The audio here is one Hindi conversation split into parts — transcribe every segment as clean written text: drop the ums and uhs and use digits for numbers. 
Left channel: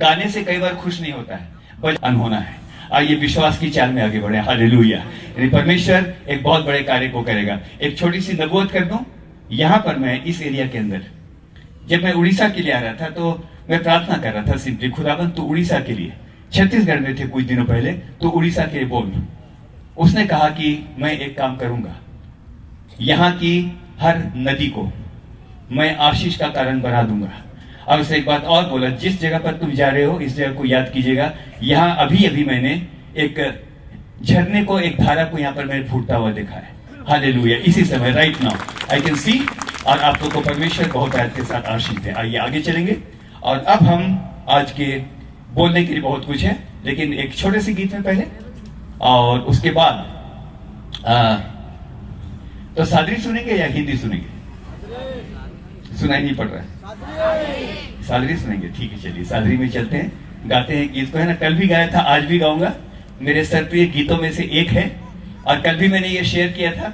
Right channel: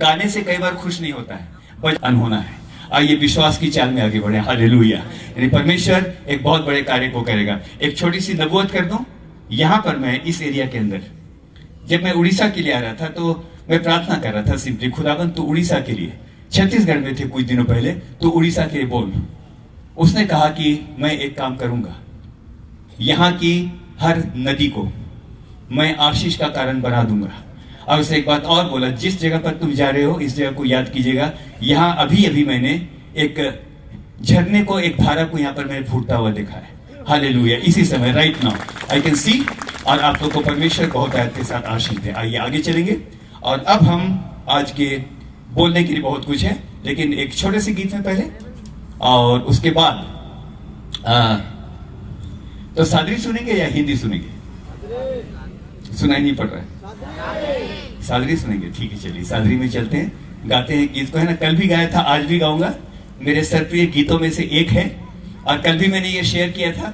गाने से कई बार खुश नहीं होता है, बचपन होना है। आइए विश्वास की चाल में आगे बढ़े। हालेलुया। यानी परमेश्वर एक बहुत बड़े कार्य को करेगा। एक छोटी सी नबूवत कर दूं। यहां पर मैं इस एरिया के अंदर जब मैं उड़ीसा के लिए आ रहा था तो मैं प्रार्थना कर रहा था सिंपली, खुदावन तो उड़ीसा के लिए, छत्तीसगढ़ में थे कुछ दिनों पहले, तो उड़ीसा के बोल। उसने कहा कि मैं एक काम करूंगा, यहां की हर नदी को मैं आशीष का कारण बना दूंगा। और उसने एक बात और बोला, जिस जगह पर तुम जा रहे हो इस जगह को याद कीजिएगा, यहां अभी अभी मैंने एक झरने को, एक धारा को यहां पर मैंने फूटता हुआ देखा है। हालेलुया। इसी समय right now I can see. और आप लोग को परमेश्वर बहुत आयत के साथ आशीष दे। आइए आगे चलेंगे। और अब हम आज के बोलने के लिए बहुत कुछ है, लेकिन एक छोटे से गीत में पहले और उसके बाद तो सादरी सुनेंगे या हिंदी सुनेंगे? सुनाई नहीं पड़ रहा है, सादरी सुनेंगे। ठीक है, चलिए सादरी में चलते हैं, गाते हैं गीत को। है ना, कल भी गाया था, आज भी गाऊंगा। मेरे सरप्रिय गीतों में से एक है। और कल भी मैंने ये शेयर किया था,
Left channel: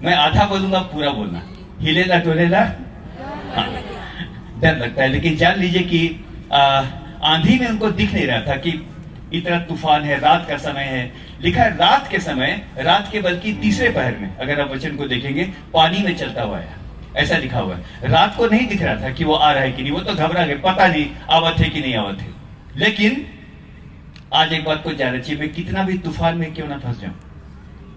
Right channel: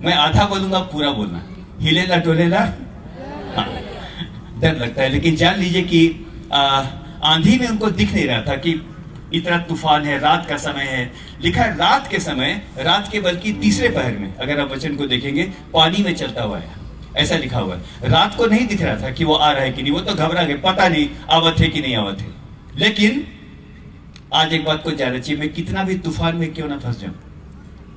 मैं आधा बोलूंगा, पूरा बोलना। हिलेला डोलेला डर लगता है, लेकिन जान लीजिए कि आंधी में उनको दिख नहीं रहा था कि इतना तूफान है, रात का समय है। लिखा है रात के समय, रात के बल्कि तीसरे पहर में, अगर आप वचन को देखेंगे, पानी में चलता हुआ है, ऐसा लिखा हुआ है। रात को नहीं दिख रहा था कि वो आ रहा है कि नहीं, वो तो घबरा गए, पता नहीं आवत है कि नहीं आवत है। लेकिन आज एक बात को जानना चाहिए, मैं कितना भी तूफान में क्यों ना फंस जाऊं,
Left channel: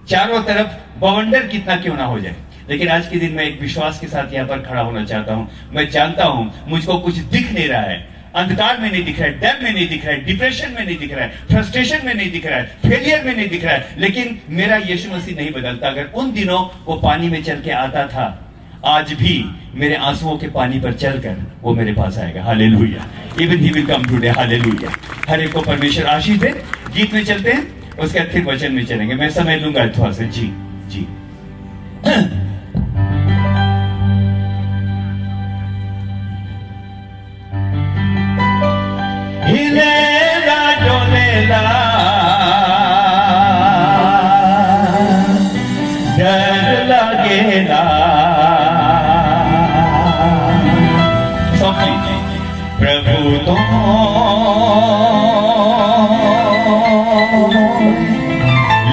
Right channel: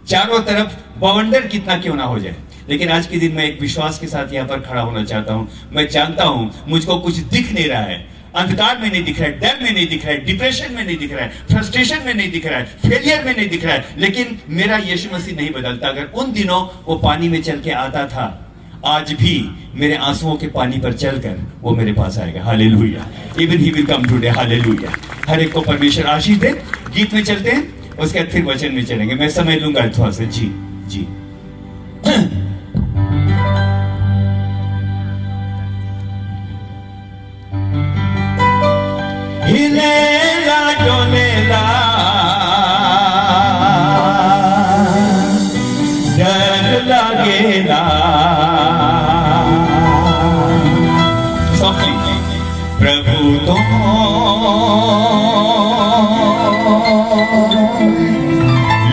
चारों तरफ बवंडर कितना क्यों ना हो जाए, लेकिन आज के दिन मैं एक विश्वास के साथ यहाँ पर खड़ा होना चाहता हूं। मैं जानता हूं मुझको कुछ दिख नहीं रहा है, अंधकार में नहीं दिख रहा है, डर में नहीं दिख रहा है, डिप्रेशन में नहीं दिख रहा है, फ्रस्ट्रेशन में नहीं दिख रहा है, फेलियर में नहीं दिख रहा है, लेकिन मेरा यीशु मसीह नहीं बदलता। अगर उन दिनों वो पानी में चल के आता था, आज भी मेरे आंसुओं के पानी पर चलकर वो मेरे पास आएगा। Hallelujah. Even he will come today. Hallelujah. हर एक को परमेश्वर आशीष दे। गीत में चलते हैं, उसके बाद फिर वचन में चलेंगे। मैं समय लूंगा थोड़ा सा। जी जी। हिलेला डोलेला डर लगेला, प्रभु तो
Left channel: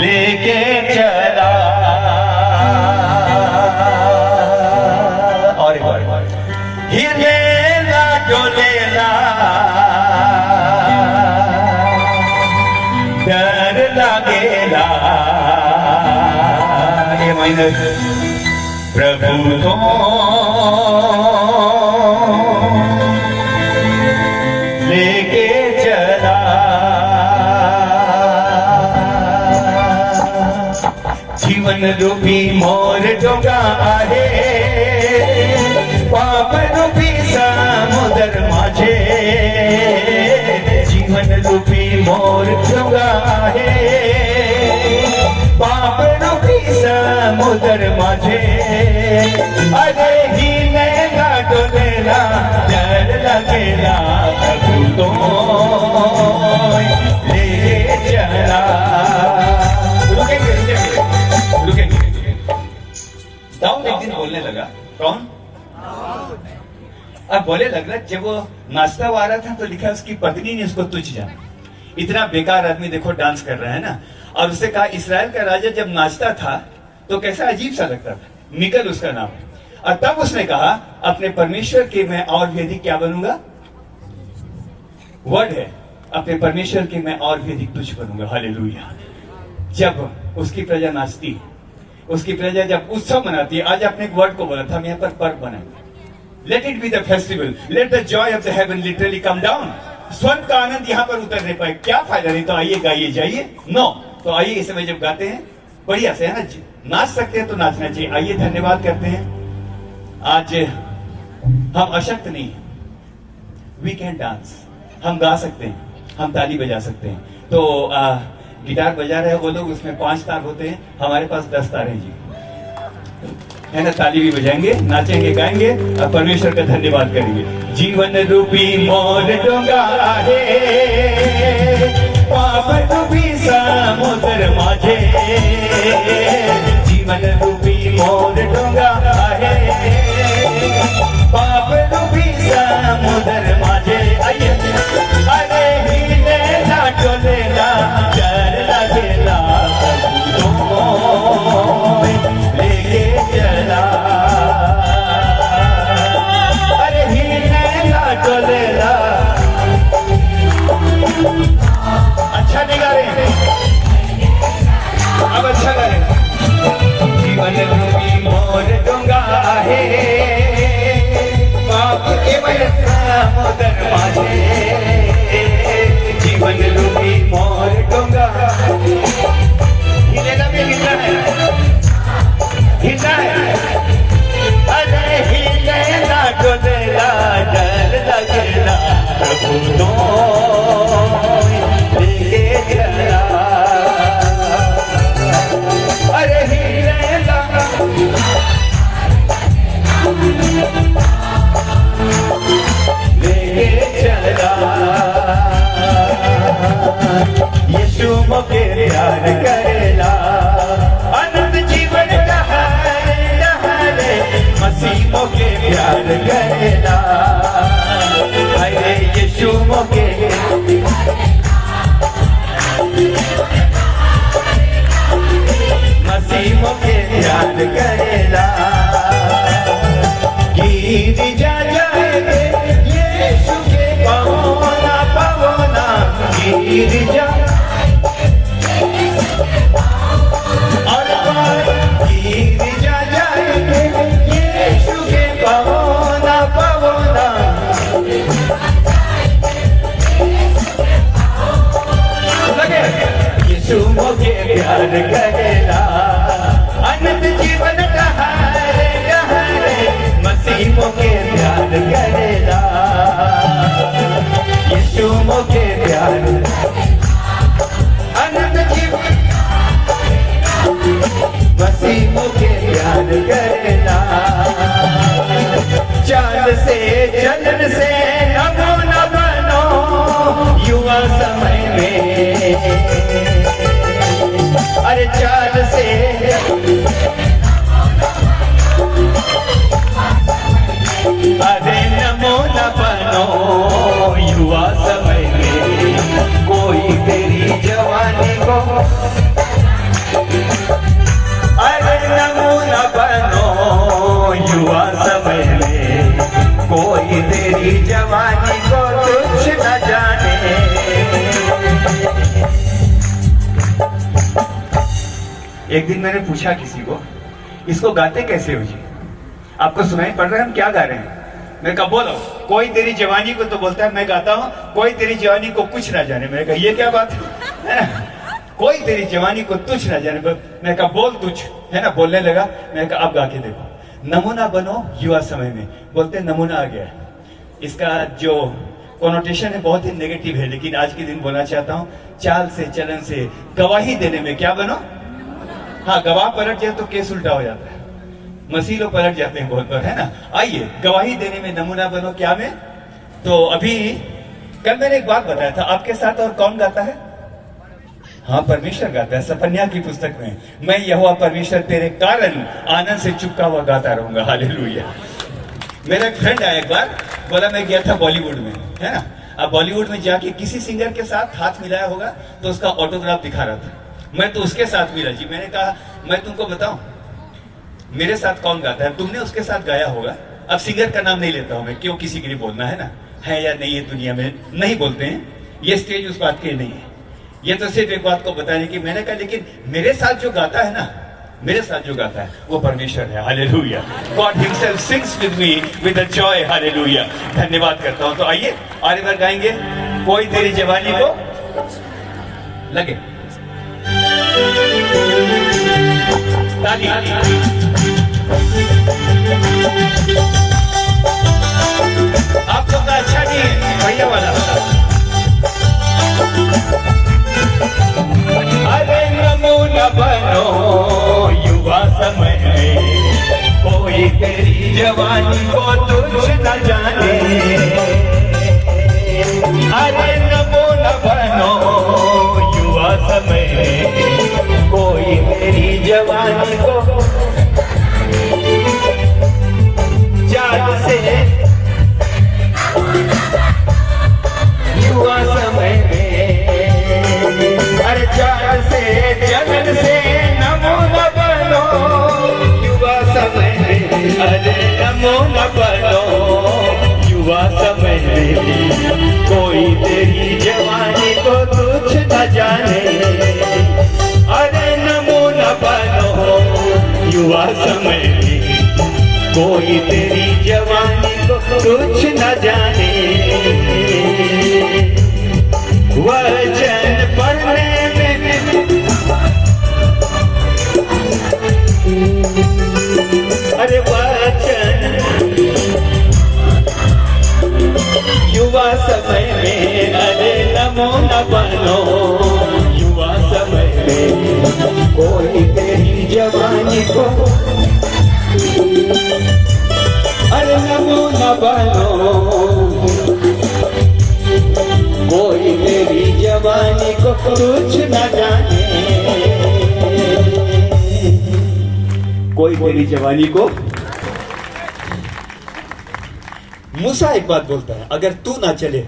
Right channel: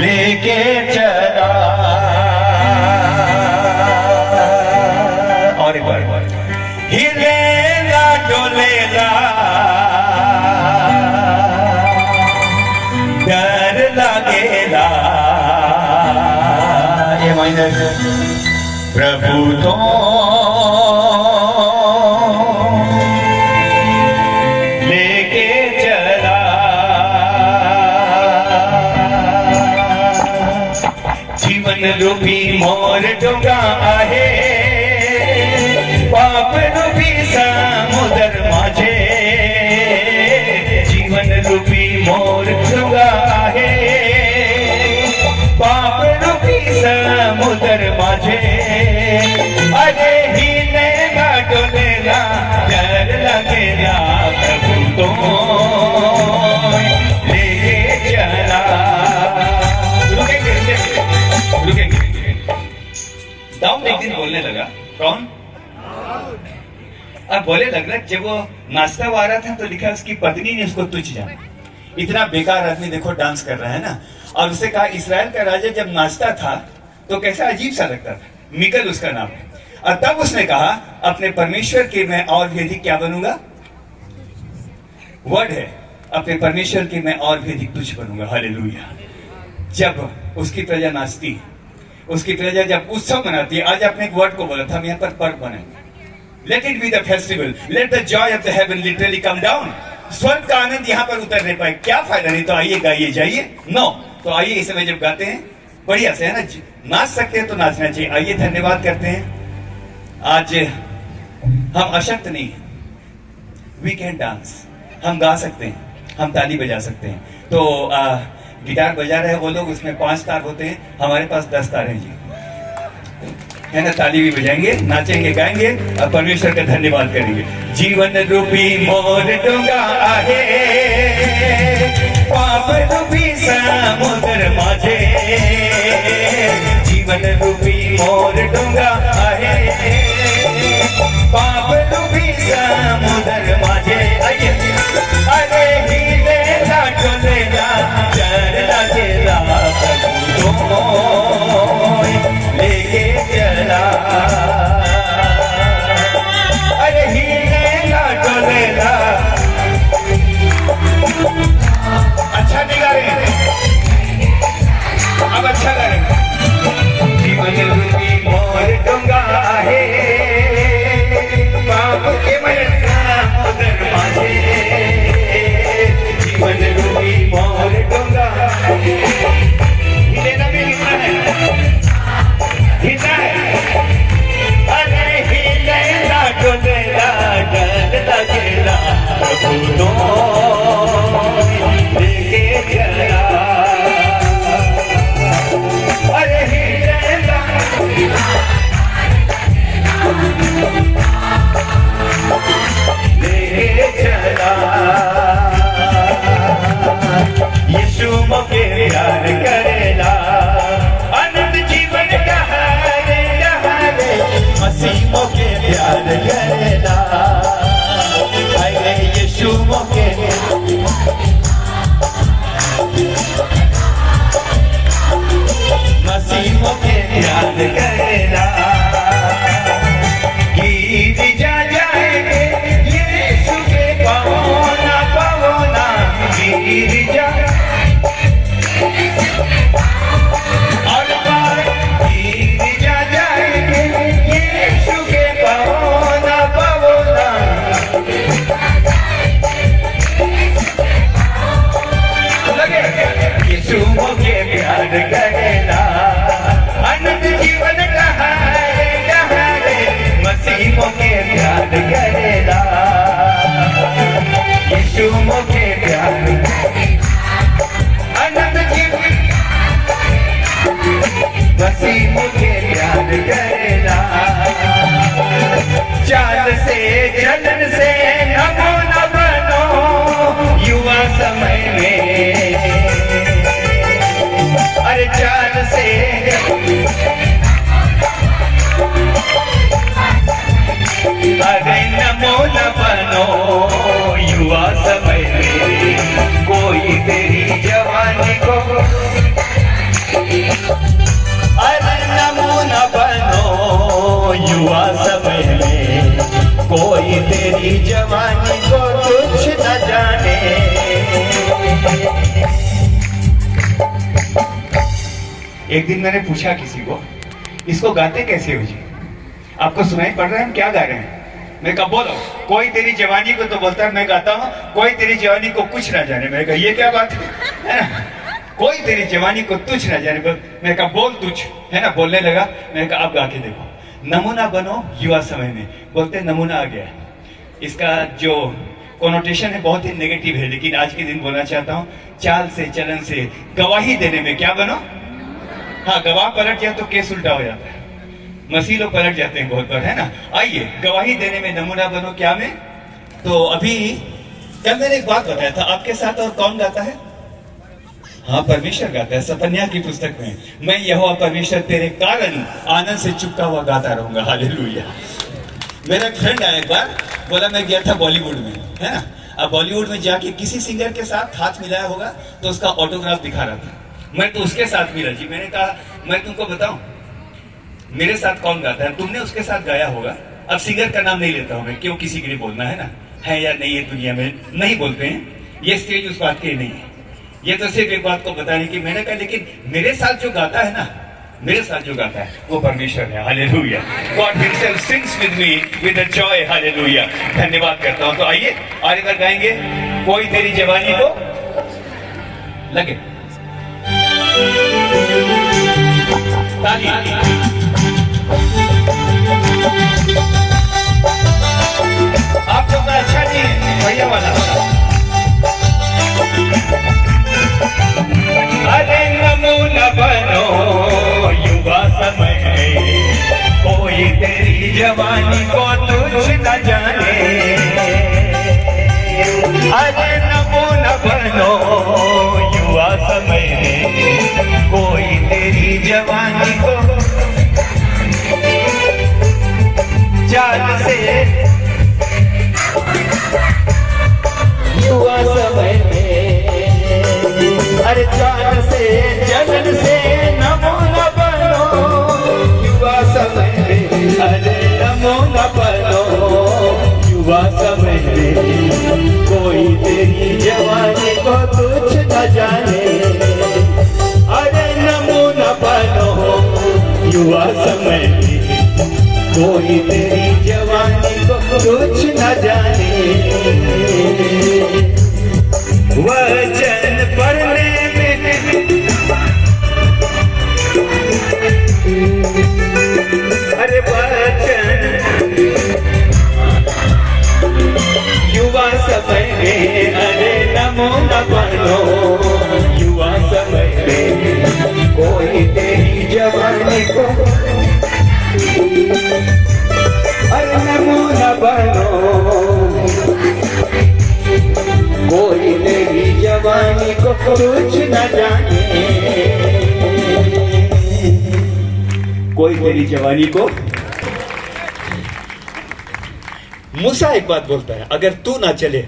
लेके चला। और एक बार, हिलेला डोलेला डर लगेला, ये माइनर, प्रभु तो लेके चला। जीवन रूपी मोर डोंगा आहे, पाप रूपी समुद्र माझे। जीवन रूपी मोर डोंगा आहे, पाप रूपी समुद्र माझे। अरे हिलेला डोलेला डर लगेला, प्रभु तो ले चला। रुकेंगे। दाऊद एक दिन बोलने लगा। कौन? अब बोले लग रहा, जब वो नाचता हुआ आ रहा था तो लिखा उसकी पत्नी ने उसको तुच्छ जाना, इतना बेकार आदमी देखो डांस कर रहा है ना। और उससे कहा, इस्राएल का राजा जब नाचता था तो कैसा अजीब सा लगता था। मिकल उसका नाम है। और तब उसने कहा, अपने परमेश्वर के मैं और भी अधिक क्या बनूंगा? वर्ड है, अपने परमेश्वर के मैं और भी अधिक तुच्छ बनूंगा। हालेलुया। जब उसकी प्रजा नाचती है, उसकी प्रजा जब उत्सव मनाती है, आज अपने एक वर्ड को बोला था, हम यहाँ पर पर्व बनाएंगे। Let it be the festival, let the Joy of the haven literally come down. स्वर्ग का आनंद यहाँ पर उतर नहीं पाए, क्या फायदा? नहीं तो आइए गाइए जाइए। नो, तो आइए इस समय जब गाते हैं बढ़िया से, है ना, नाच सकते हैं तो नाचना चाहिए। आइए धन्यवाद करते हैं। आज हम अशक्त नहीं हैं, वी कैन डांस, हम गा सकते हैं, हम ताली बजा सकते हैं। तो गिटार बजा रहे हैं वो लोग, उसमें 5 तार होते हैं, हमारे पास 10 तार हैं जी, है ना। ताली भी बजाएंगे, नाचेंगे, गाएंगे और परमेश्वर का धन्यवाद करेंगे। जीवन रूपी मोर डोंगा आहे, पाप रूपी समुद्र माझे। जीवन रूपी मोर डोंगा आहे, पाप रूपी समुद्र माझे। आइए यीशु मोके मसीह मोके याद करेला गिर जा जाएंगे यीशु के पवना पवना गिर जा और गिर जा जाएंगे यीशु के पवना पवना लगे यीशु मोके प्यार करेला अनंत जीवन कहा मसीह मोके प्यार करेला यीशु मोके प्यार अनंत जीवन मसीह मोके प्यार करेला चाल से जलन से नमो न बनो युवा समय में अरे चाल से अरे नमो न बनो युवा समय में कोई तेरी जवानी को अरे नमो न बनो युवा समय में कोई तेरी जवानी को कुछ न जाने एक दिन मैंने पूछा किसी को इसको गाते कैसे हो जी आपको सुनाई पड़ रहा है हम क्या गा रहे हैं मैं कहा बोलो कोई तेरी जवानी को तो बोलता है मैं गाता हूँ कोई तेरी जवानी को कुछ ना जाने मैंने कहा ये क्या बात है कोई तेरी जवानी को तुझ ना जाने मैं कहा बोल तुझ है ना बोलने लगा मैंने कहा आप गा के देखो नमूना बनो युवा समय में बोलते नमूना आ गया इसका जो कोनोटेशन है बहुत ही नेगेटिव है लेकिन आज के दिन बोलना चाहता हूँ चाल से चलन से गवाही देने में क्या बनो हाँ गवाह पलट जाए तो केस उल्टा हो जाता है मसीह लोग पलट जाते हैं बहुत बार है ना आइए गवाही देने में नमूना बनो क्या में तो अभी कल मैंने एक बात बताया था आपके साथ और कौन गाता है हाँ परमेश्वर गाता है सपन्या की पुस्तक में मैं यहोवा परमेश्वर तेरे कारण आनंद से चुपका हुआ गाता रहूंगा हालेलुया मेरा एक फ्रेंड आया एक बार बोला मैं गया था बॉलीवुड में है ना अब बॉलीवुड में जाके किसी सिंगर के साथ हाथ मिलाया होगा तो उसका ऑटोग्राफ दिखा रहा था मैं तो उसके साथ मिला जी मैंने कहा मैं तुमको बताऊं मेरे साथ कौन गाता है तुमने उसके साथ गाया होगा अब सिंगर का नाम नहीं लेता हूं मैं क्यों किसी के लिए बोलना है ना है या नहीं है दुनिया में नहीं बोलते हैं ये स्टेज उस बात के लिए नहीं है ये तो सिर्फ एक बात को बताने की मैंने कहा लेकिन मेरे साथ जो गाता है ना मेरे साथ जो गाता है वो परमेश्वर है hallelujah God himself sings with me with a joy hallelujah धन्यवाद करता हूं तो आइए और इधर गाएंगे कोई तेरी जवानी को लगे ताली आप लोग अच्छा नहीं है भैया वाला अरे नमूना बनो युवा समय में कोई तेरी जवानी को तुझ न जाने अरे नमूना बनो युवा समय में कोई तेरी जवानी को चाल से युवा समय में हर चाल से जलन से नमूना बनो युवा समय में अरे नमूना बनो युवा समय में कोई तेरी जवानी को तुझ न जाने अरे नमूना बनो युवा समय में कोई तेरी जवानी को कुछ न जाने वचन पढ़ने में अरे वचन युवा समय में अरे नमो न बनो युवा समय में कोई तेरी जवानी को अरे नमो न बनो कोई तेरी जवानी को कुछ न जाने कोई तेरी जवानी को मूसा एक बात बोलता है अगर तू ना चले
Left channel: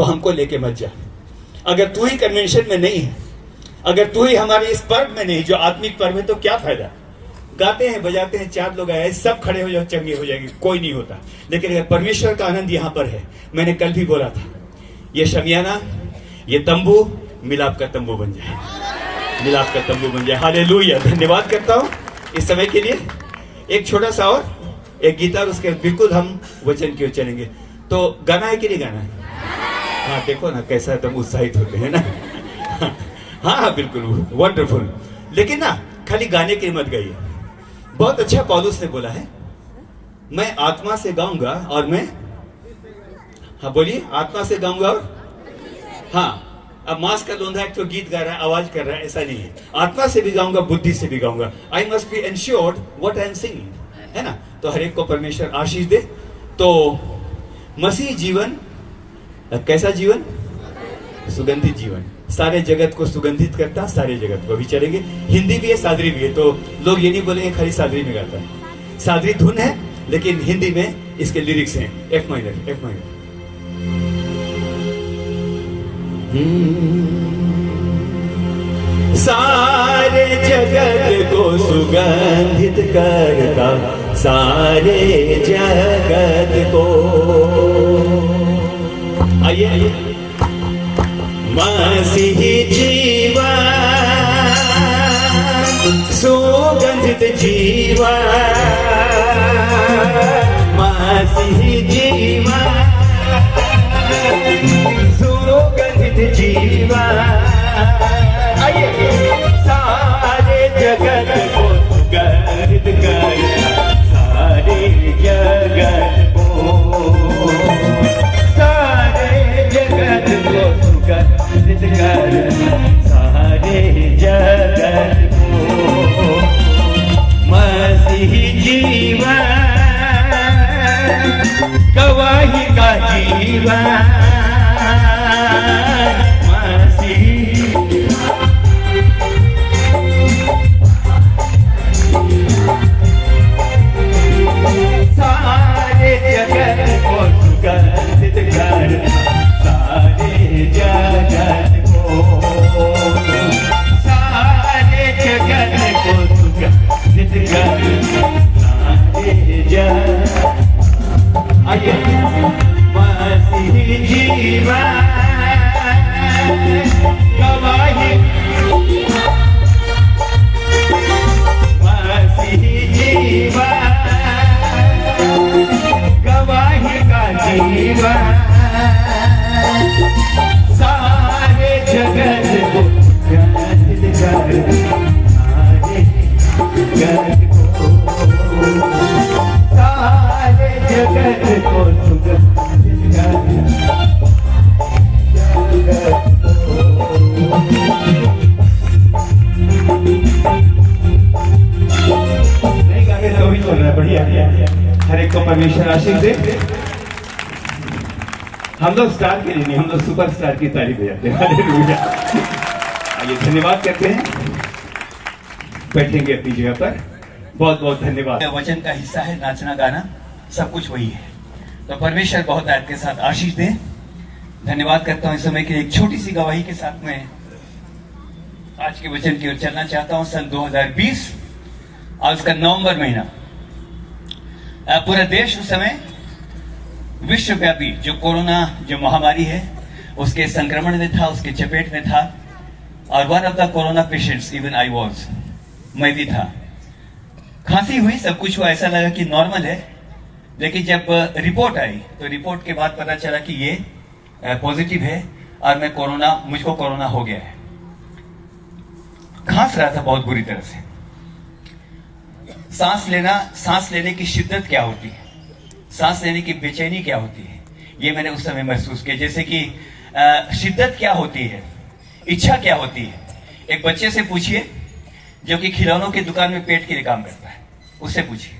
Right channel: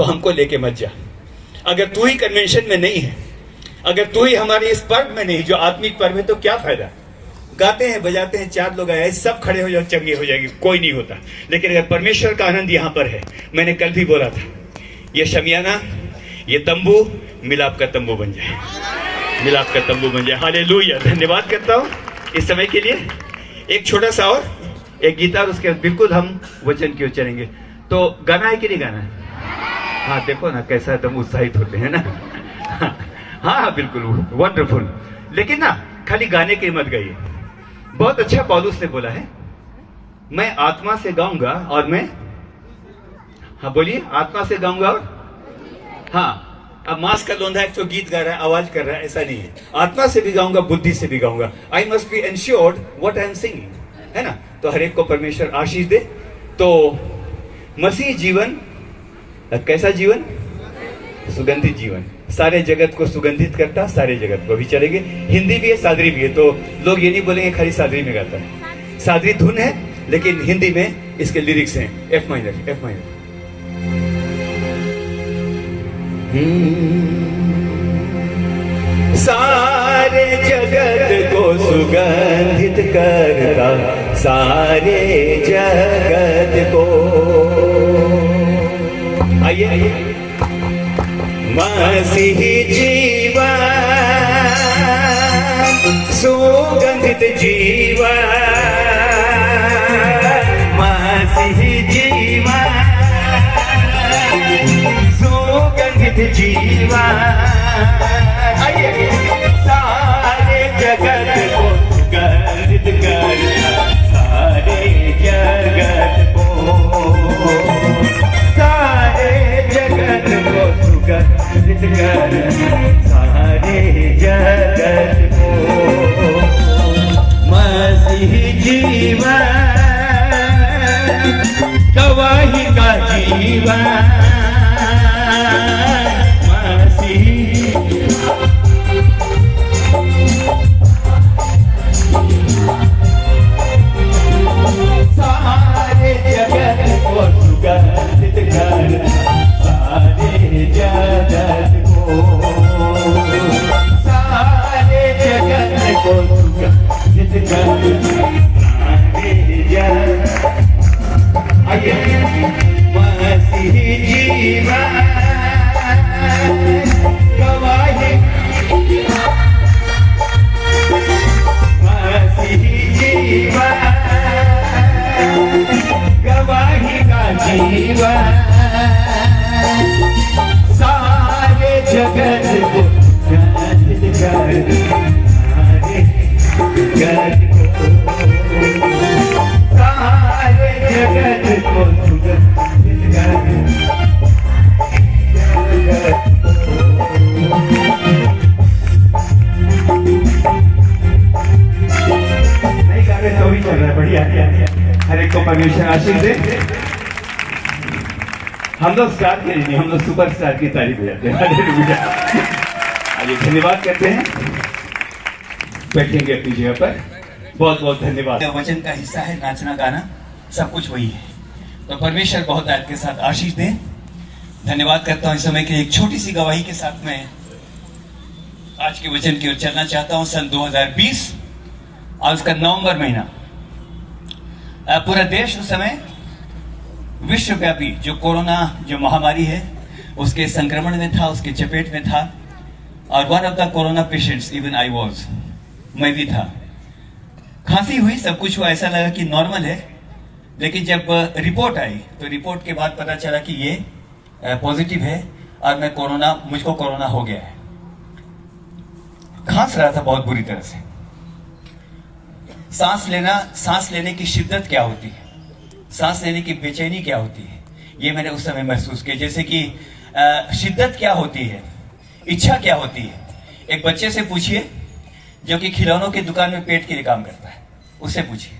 तो हमको लेके मत जा। अगर तू ही कन्वेंशन में नहीं है, अगर तू ही हमारे इस पर्व में नहीं, जो आत्मिक पर्व है, तो क्या फायदा। गाते हैं बजाते हैं, 4 लोग आए, सब खड़े हो जाओ, चंगे हो जाएंगे, कोई नहीं होता। लेकिन अगर परमेश्वर का आनंद यहां पर है, मैंने कल भी बोला था, ये शमियाना, ये तंबू मिलाप का तंबू बन जाए, मिलाप का तंबू बन जाए। हालेलुया। धन्यवाद करता हूं इस समय के लिए। एक छोटा सा और एक गीता, और उसके बाद बिल्कुल हम वचन की ओर चलेंगे। तो गाना है कि नहीं गाना है? हाँ, देखो ना कैसा एकदम उत्साहित होते हैं ना। हाँ हाँ बिल्कुल, वंडरफुल। लेकिन ना खाली गाने के मत गाइए। बहुत अच्छा पौलुस ने बोला है, मैं आत्मा से गाऊंगा और मैं, हाँ बोलिए, आत्मा से गाऊंगा और, हाँ, अब मास का लोंधा एक तो गीत गा रहा है, आवाज कर रहा है, ऐसा नहीं है। आत्मा से भी गाऊंगा, बुद्धि से भी गाऊंगा। I must be ensured what I am singing, है ना। तो हर एक को परमेश्वर आशीष दे। तो मसीह जीवन कैसा जीवन? सुगंधित जीवन, सारे जगत को सुगंधित करता, सारे जगत को भी चलेंगे। हिंदी भी है, सादरी भी है, तो लोग ये नहीं बोलेंगे खाली सादरी में गाता है। सादरी धुन है, लेकिन हिंदी में इसके लिरिक्स हैं। F minor, F minor. सारे जगत को सुगंधित करता, सारे जगत को। आइए आइए। मसीही जीवन, सुगंधित जीवन, मसीही जीवन, सुगंधित जीवन। आइए। सारे जगत को सुगंधित करता, सारे जगत को, सारे जगत को सुगंधित करता, सारे जगत को। मसीही जीवन, गवाही का जीवन, सारे जगत को सुगंधित करता, सारे जगत को, सारे जगत को सुगंधित करता, सारे जगत। आइए। मसीही जीवन, गवाही, मसीही जीवन, गवाही का जीवन, सारे जगत को सुगंधित करता, सारे जगत को, सारे जगत को सुगंधित करता। नहीं गा रहे तो भी चल रहा है, बढ़िया। हर एक को परमेश्वर आशीष दे। हम लोग स्टार के लिए नहीं, हम लोग सुपर स्टार की तारीफ बजाते हैं। आइए, धन्यवाद करते हैं, बैठेंगे अपनी जगह पर। बहुत बहुत धन्यवाद। वचन का हिस्सा है, नाचना गाना सब कुछ वही है। तो परमेश्वर बहुत आपके साथ आशीष दे। धन्यवाद करता हूं इस समय के एक छोटी सी गवाही के साथ में आज के वचन की ओर चलना चाहता हूं। सन 2020 आज का नवंबर महीना, पूरा देश उस समय विश्वव्यापी जो कोरोना जो महामारी है उसके संक्रमण में था, उसके चपेट में था। और one of the corona patients, even I was, मैं भी था। खांसी हुई, सब कुछ हुआ, ऐसा लगा कि नॉर्मल है। लेकिन जब रिपोर्ट आई तो रिपोर्ट के बाद पता चला कि ये पॉजिटिव है और मुझको कोरोना हो गया है। खांस रहा था बहुत बुरी तरह से। सांस लेने की शिद्दत क्या होती है, सांस लेने की बेचैनी क्या होती है, ये मैंने उस समय महसूस किया। जैसे कि शिद्दत क्या होती है, इच्छा क्या होती है। एक बच्चे से पूछिए जो कि खिलौनों की दुकान में पेट के लिए काम करता है, उससे पूछिए।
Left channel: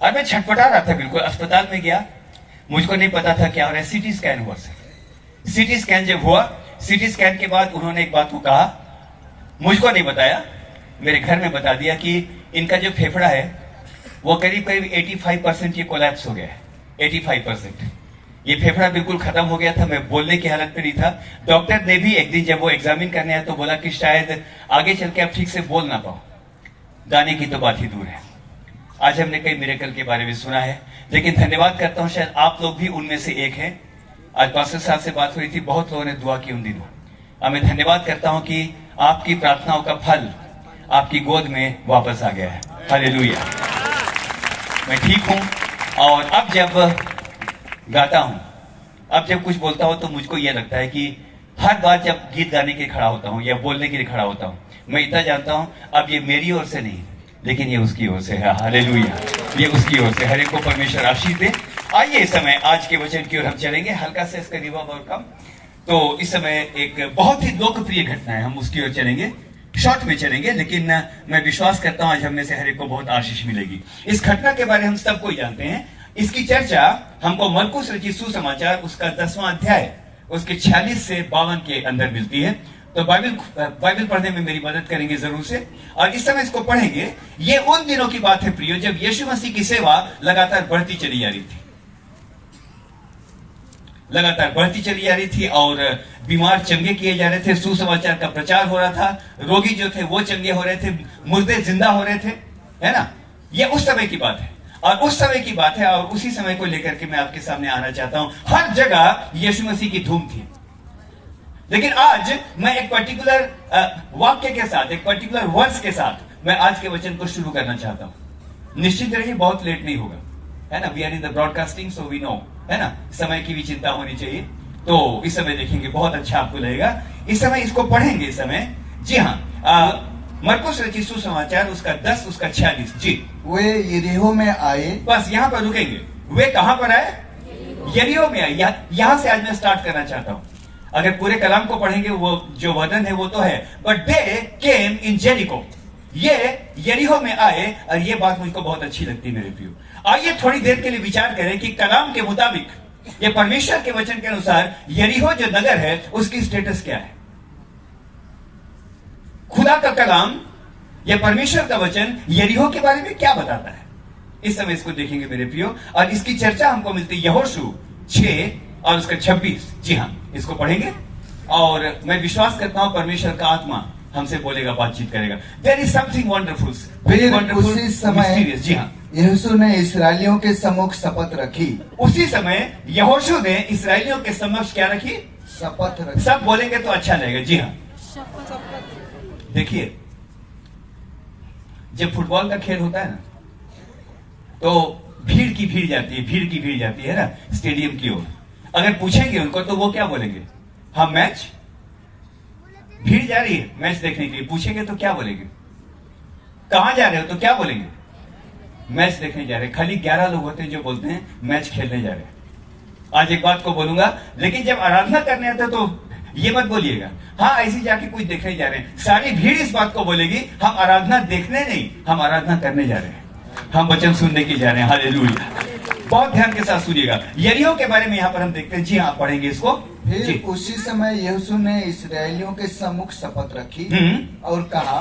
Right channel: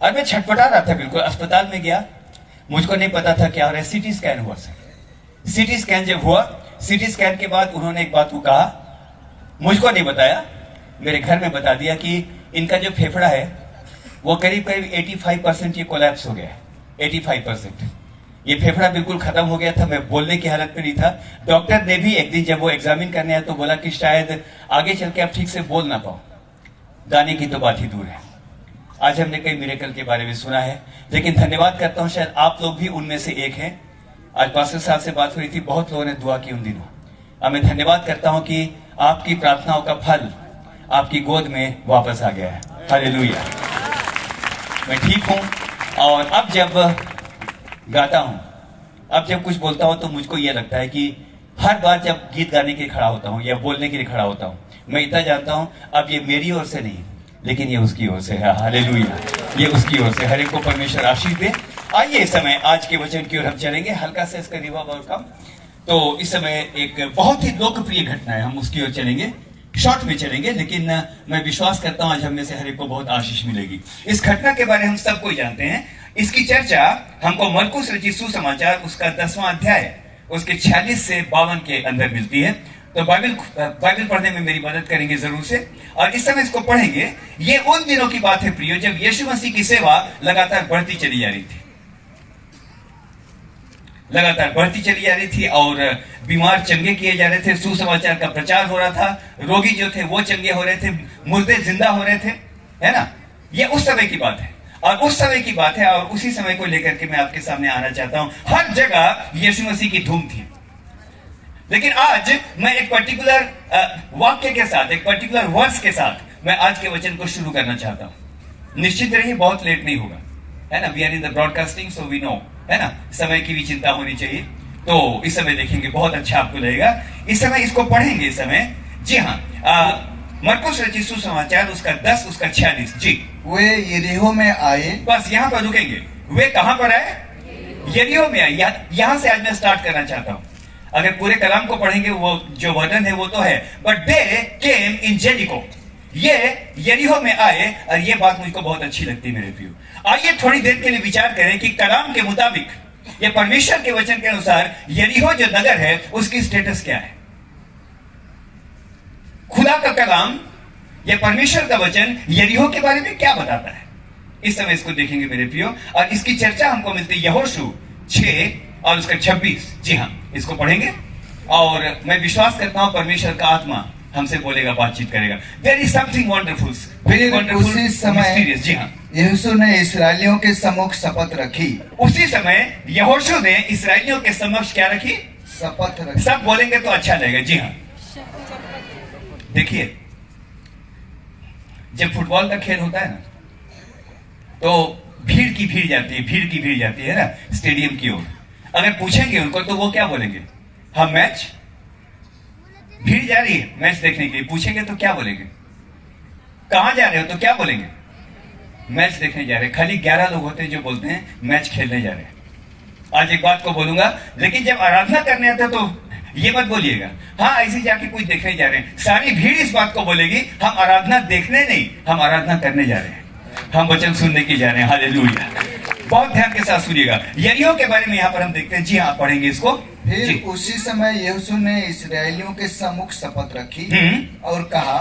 और मैं छटपटा रहा था बिल्कुल। अस्पताल में गया, मुझको नहीं पता था क्या हो रहा है। सीटी स्कैन हुआ सर। सीटी स्कैन जब हुआ, सीटी स्कैन के बाद उन्होंने एक बात को कहा, मुझको नहीं बताया, मेरे घर में बता दिया कि इनका जो फेफड़ा है वो करीब करीब 85% ये कोलैप्स हो गया है। 85%। ये फेफड़ा बिल्कुल खत्म हो गया था, मैं बोलने की हालत में नहीं था। डॉक्टर ने भी एक दिन जब वो एग्जामिन करने आया तो बोला कि शायद आगे चल के आप ठीक से बोल ना पाओ, गाने की तो बात ही दूर है। आज हमने कई मिरेकल के बारे में सुना है, लेकिन धन्यवाद करता हूं, शायद आप लोग भी उनमें से एक हैं। आज पास्टर साहब से बात हुई थी, बहुत लोगों ने दुआ की उन दिनों। मैं धन्यवाद करता हूं कि आपकी प्रार्थनाओं का फल आपकी गोद में वापस आ गया है। हालेलुया। मैं ठीक हूं, और अब जब गाता हूं, अब जब कुछ बोलता हूं, तो मुझको यह लगता है कि हर बार जब गीत गाने के लिए खड़ा होता हूं या बोलने के लिए खड़ा होता हूं, मैं इतना जानता हूं अब ये मेरी ओर से नहीं, लेकिन ये उसकी ओर से है। हालेलुया, ये उसकी ओर से। हर एक को परमेश्वर आशीष दे। आइए इस समय आज के वचन की ओर हम चलेंगे, हल्का से इसका रिवर्ब और कम। तो इस समय एक बहुत ही लोकप्रिय घटना है, हम उसकी ओर चलेंगे, शॉर्ट में चलेंगे, लेकिन मैं विश्वास करता हूं आज हम में से हर एक को बहुत आशीष मिलेगी। इस घटना के बारे में हम सबको जानते हैं। इसकी चर्चा हमको मरकुस रचित सुसमाचार उसका 10वां अध्याय उसके 46 से 52 के अंदर मिलती है। तो बाइबल पढ़ने में मेरी मदद करेंगे जरूर से, और इस समय इसको पढ़ेंगे। ये उन दिनों की बात है प्रियो, जब यीशु मसीह की सेवा लगातार बढ़ती चली जा रही थी, लगातार बढ़ती चली जा रही थी, और बीमार चंगे किए जा रहे थे, सुसमाचार का प्रचार हो रहा था, रोगी जो थे वो चंगे हो रहे थे, मुर्दे जिंदा हो रहे थे, है ना। ये उस समय की बात है, और उस समय की बात है, और उसी समय को लेकर के मैं आपके सामने आना चाहता हूं। हर जगह यीशु मसीह की धूम थी, लेकिन आज मैं एक पर्टिकुलर वाक्य के साथ, एक पर्टिकुलर वर्ड्स के साथ मैं आज के वचन को शुरू करना चाहता हूं। निश्चित रहिए, बहुत लेट नहीं होगा, है ना। We are in the broadcasting, so we know, है ना, समय की भी चिंता होनी चाहिए। तो इस समय देखेंगे, बहुत अच्छा आपको लगेगा। इस समय इसको पढ़ेंगे इस समय। जी हाँ, मरकुस रचित सुसमाचार उसका 10 उसका 46। जी। वे यरीहो में आए। बस यहां पर रुकेंगे। वे कहां पर आए? यरीहो में आए। यहां से आज मैं स्टार्ट करना चाहता हूं। अगर पूरे कलाम को पढ़ेंगे, वो जो वर्णन है वो तो है, but they came in Jericho. ये यरीहो में आए, और ये बात मुझको बहुत अच्छी लगती है मेरे प्रियो। आइए थोड़ी देर के लिए विचार करें कि कलाम के मुताबिक, ये परमेश्वर के वचन के अनुसार यरीहो जो नगर है उसकी स्टेटस क्या है। खुदा का कलाम या परमेश्वर का वचन यरीहो के बारे में क्या बताता है, इस समय इसको देखेंगे मेरे प्रियो। और इसकी चर्चा हमको मिलती है यहोशू 6 और उसका 26। जी हाँ, इसको पढ़ेंगे, और मैं विश्वास करता हूं परमेश्वर का आत्मा हमसे बोलेगा, बातचीत करेगा। There is something wonderful, very wonderful, mysterious. जी हाँ, यहोशू ने इस्राएलियों के सम्मुख शपथ रखी। उसी समय यहोशू ने इस्राएलियों के समक्ष क्या रखी? शपथ रखी। सब बोलेंगे तो अच्छा लगेगा। जी हाँ, देखिए, जब फुटबॉल का खेल होता है ना, तो भीड़ की भीड़ जाती है, भीड़ की भीड़ जाती है ना स्टेडियम की ओर। अगर पूछेंगे उनको तो वो क्या बोलेंगे? हम मैच, भीड़ जा रही है मैच देखने के लिए। पूछेंगे तो क्या बोलेंगे? कहां जा रहे हो तो क्या बोलेंगे? मैच देखने जा रहे हैं। खाली 11 लोग होते हैं जो बोलते हैं मैच खेलने जा रहे हैं। आज एक बात को बोलूंगा, लेकिन जब आराधना करने आते तो ये मत बोलिएगा हाँ ऐसे जाके कुछ देखने जा रहे हैं। सारी भीड़ इस बात को बोलेगी, हम आराधना देखने नहीं, हम आराधना करने जा रहे हैं, हम वचन सुनने के जा रहे हैं। हालेलुया। बहुत ध्यान के साथ सुनिएगा। यरीहो के बारे में यहाँ पर हम देखते हैं। जी हाँ, पढ़ेंगे इसको। फिर उसी समय यहोशू ने इस्राएलियों के सम्मुख शपथ रखी और कहा,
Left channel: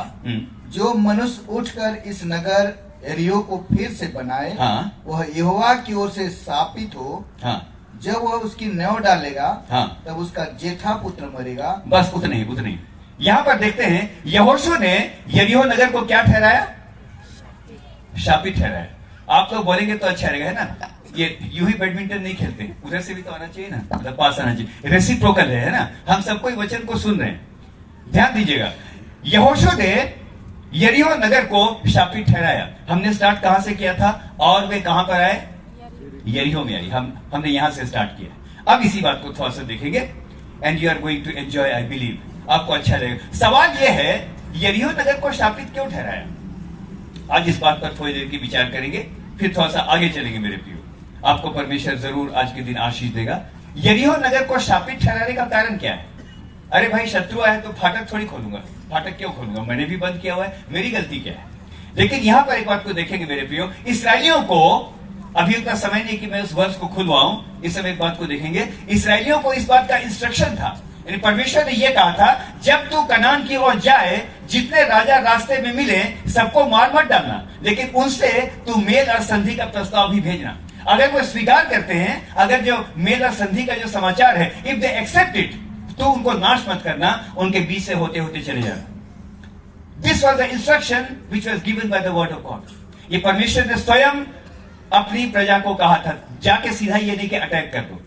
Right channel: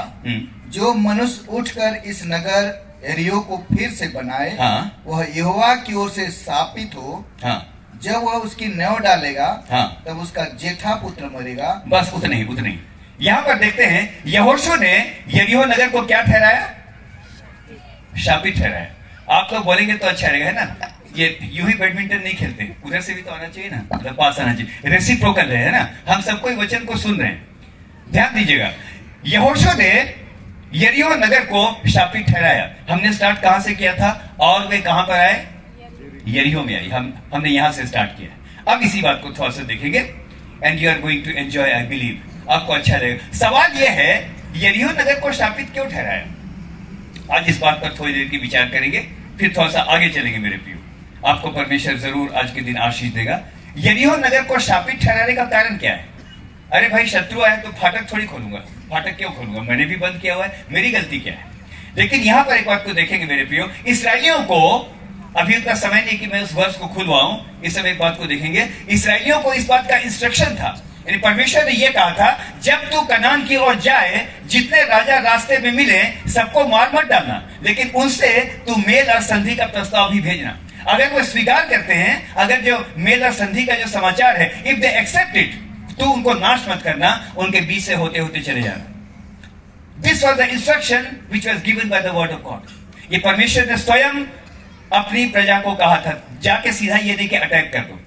जो मनुष्य उठकर इस नगर यरीहो को फिर से बनाए, वह यहोवा की ओर से स्थापित हो। जब वह उसकी न्याय डालेगा, तब उसका जेठा पुत्र मरेगा। बस उतने ही। यहाँ पर देखते हैं यहोशू ने यरीहो नगर को क्या ठहराया? शापित ठहराया। आप लोग बोलेंगे तो अच्छा रहेगा, है ना। ये यूं ही बैडमिंटन नहीं खेलते, उधर से भी तो आना चाहिए ना, मतलब पास आना चाहिए। रेसिप्रोकल है ना, हम सबको वचन को सुन रहे हैं, ध्यान दीजिएगा। यहोशू ने यरीहो नगर को शापित ठहराया। हमने स्टार्ट कहां से किया था, और वे कहां पर आए? यरीहो में आई। हमने यहां से स्टार्ट किया। अब इसी बात को थोड़ा सा देखेंगे, and you are going to enjoy, I believe, आपको अच्छा लगेगा। सवाल यह है, यरीहो नगर को शापित क्यों ठहराया? आज इस बात पर थोड़ी देर की विचार करेंगे, फिर थोड़ा सा आगे चलेंगे मेरे प्रियो। आपको परमेश्वर जरूर आज के दिन आशीष देगा। यरीहो नगर को शापित ठहराने का कारण क्या है? अरे भाई, शत्रु आया तो फाटक थोड़ी खोलूंगा। फाटक क्यों खोलूंगा? मैंने भी बंद किया हुआ है, मेरी गलती क्या है? लेकिन यहां पर एक बात को देखेंगे मेरे प्रियो। इसराइलियों को, अभी उतना समय नहीं कि मैं उस वर्ष को खुलवाऊं, इस समय एक बात को देखेंगे। इसराइलियों को इस बात का इंस्ट्रक्शन था, यानी परमेश्वर ने यह कहा था, जब तू कनान की ओर जाए, जितने राजा रास्ते में मिले सबको मार मत डालना, लेकिन उनसे तू मेल और संधि का प्रस्ताव भी भेजना। अगर वो स्वीकार करते हैं, अगर जो मेल और संधि का जो समाचार है, इफ दे एक्सेप्ट इट, तो उनको नाश मत करना, उनके बीच से होते होते चले जाना। This was the instruction which was given by the word of God. ये परमेश्वर ने स्वयं अपनी प्रजा को कहा था, जाके सीधा ये नहीं कि अटैक कर दो।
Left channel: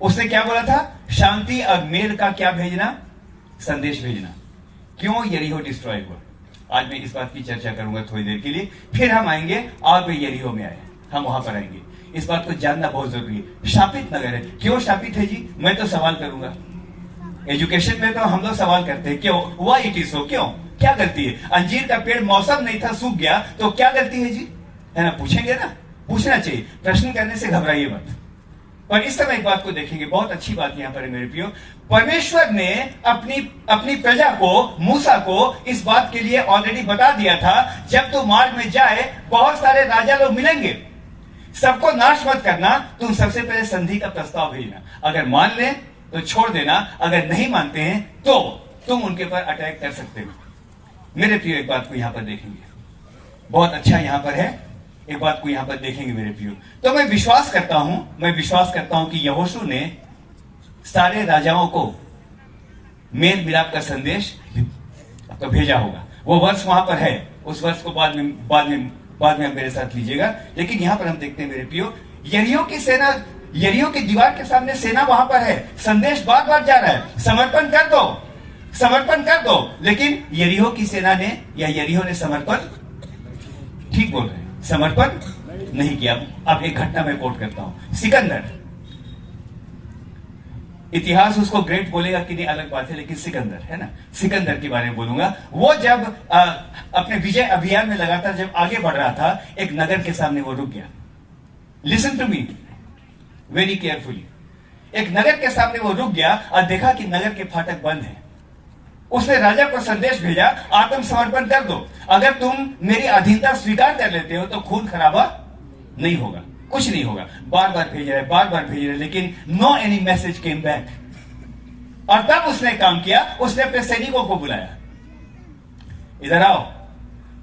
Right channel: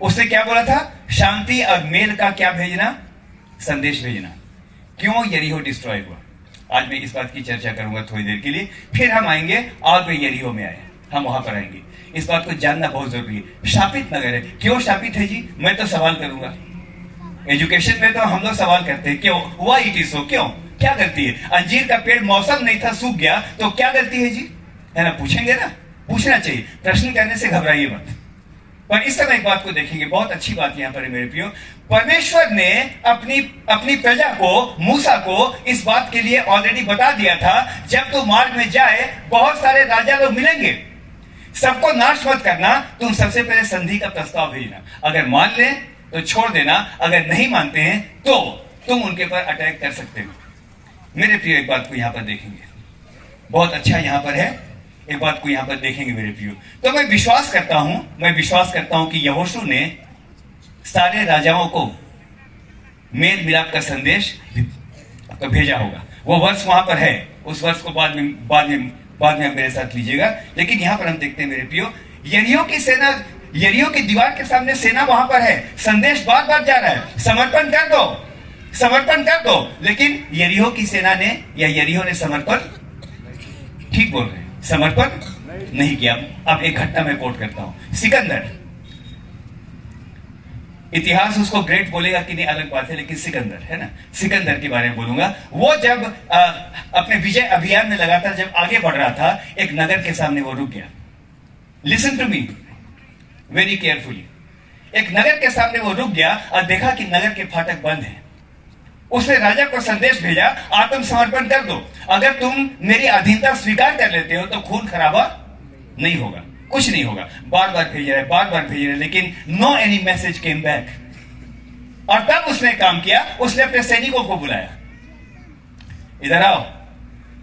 उसने क्या बोला था? शांति और मेल का क्या भेजना? संदेश भेजना। क्यों यरीहो डिस्ट्रॉय हुआ? आज मैं इस बात की चर्चा करूंगा थोड़ी देर के लिए, फिर हम आएंगे और वे यरीहो में आए, हम वहां पर आएंगे। इस बात को जानना बहुत जरूरी है। शापित नगर है। क्यों शापित है जी? मैं तो सवाल करूंगा। एजुकेशन में तो हम लोग सवाल करते हैं, क्यों? Why it is so? क्यों? क्या गलती है? अंजीर का पेड़ मौसम नहीं था, सूख गया, तो क्या गलती है जी? है ना? पूछेंगे ना, पूछना चाहिए। प्रश्न करने से घबराइए मत। पर इस समय एक बात को देखेंगे, बहुत अच्छी बात यहां पर है मेरे प्रियो। परमेश्वर ने अपनी प्रजा को, मूसा को इस बात के लिए ऑलरेडी बता दिया था, जब तू मार्ग में जाए बहुत सारे राजा लोग मिलेंगे, सबको नाश मत करना, तुम सबसे पहले संधि का प्रस्ताव भेजना। अगर मान ले तो छोड़ देना, अगर नहीं मानते हैं तो तुम उनके पर अटैक कर सकते हो। मेरे प्रियो एक बात को यहां पर देखेंगे, बहुत अच्छा यहां पर है, एक बात को यहां पर देखेंगे मेरे प्रियो। तो मैं विश्वास करता हूं कि यहोशू ने सारे राजाओं को मेल मिलाप का संदेश तो भेजा होगा। वो वर्ष वहां पर है, उस वर्ष को बाद में मेरे साथ लीजिएगा। लेकिन यहां पर हम देखते हैं मेरे प्रियो, यरीहो की सेना, यरीहो की दीवार के सामने सेना वहां पर है, संदेश बार बार जा रहा है, समर्पण कर दो, समर्पण कर दो। लेकिन यरीहो की सेना ने, या यरीहो ने समर्पण, ठीक बोल रहे हैं, समर्पण नहीं किया। अब एक घटना मैं कोट करता हूं। सिकंदर, इतिहास उसको ग्रेट बोलेगा कि नहीं अलग बात है, लेकिन सिकंदर है ना, सिकंदर के बारे में बोलूंगा। वो जब अपने विजय अभियान में लगातार जब आगे बढ़ रहा था, एक नगर के सामने वो रुक गया। Listen to me very carefully. एक नगर के सामने वो रुक गया और देखा कि नगर के फाटक बंद हैं। उसने राजा को संदेश भेजा, आत्मसमर्पण कर दो, अगर तुम मेरी अधीनता स्वीकार कर लेते हो तो खून खराबा नहीं होगा, कुछ नहीं होगा। बार बार भेज रहे, लेकिन no any message came back. और तब उसने काम किया, उसने अपने सैनिकों को बुलाया, इधर आओ।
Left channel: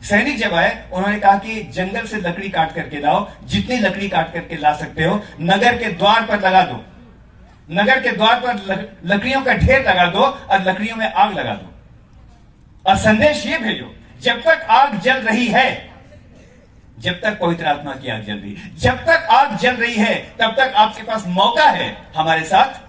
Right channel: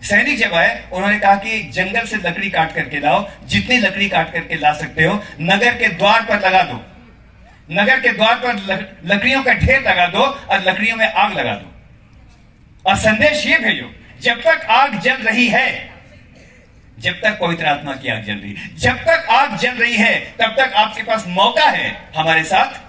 सैनिक जब आए, उन्होंने कहा कि जंगल से लकड़ी काट करके लाओ, जितनी लकड़ी काट करके ला सकते हो, नगर के द्वार पर लगा दो, नगर के द्वार पर लकड़ियों का ढेर लगा दो और लकड़ियों में आग लगा दो। और संदेश ये भेजो, जब तक आग जल रही है, जब तक पवित्र आत्मा की आग जल रही है, जब तक आग जल रही है, तब तक आपके पास मौका है हमारे साथ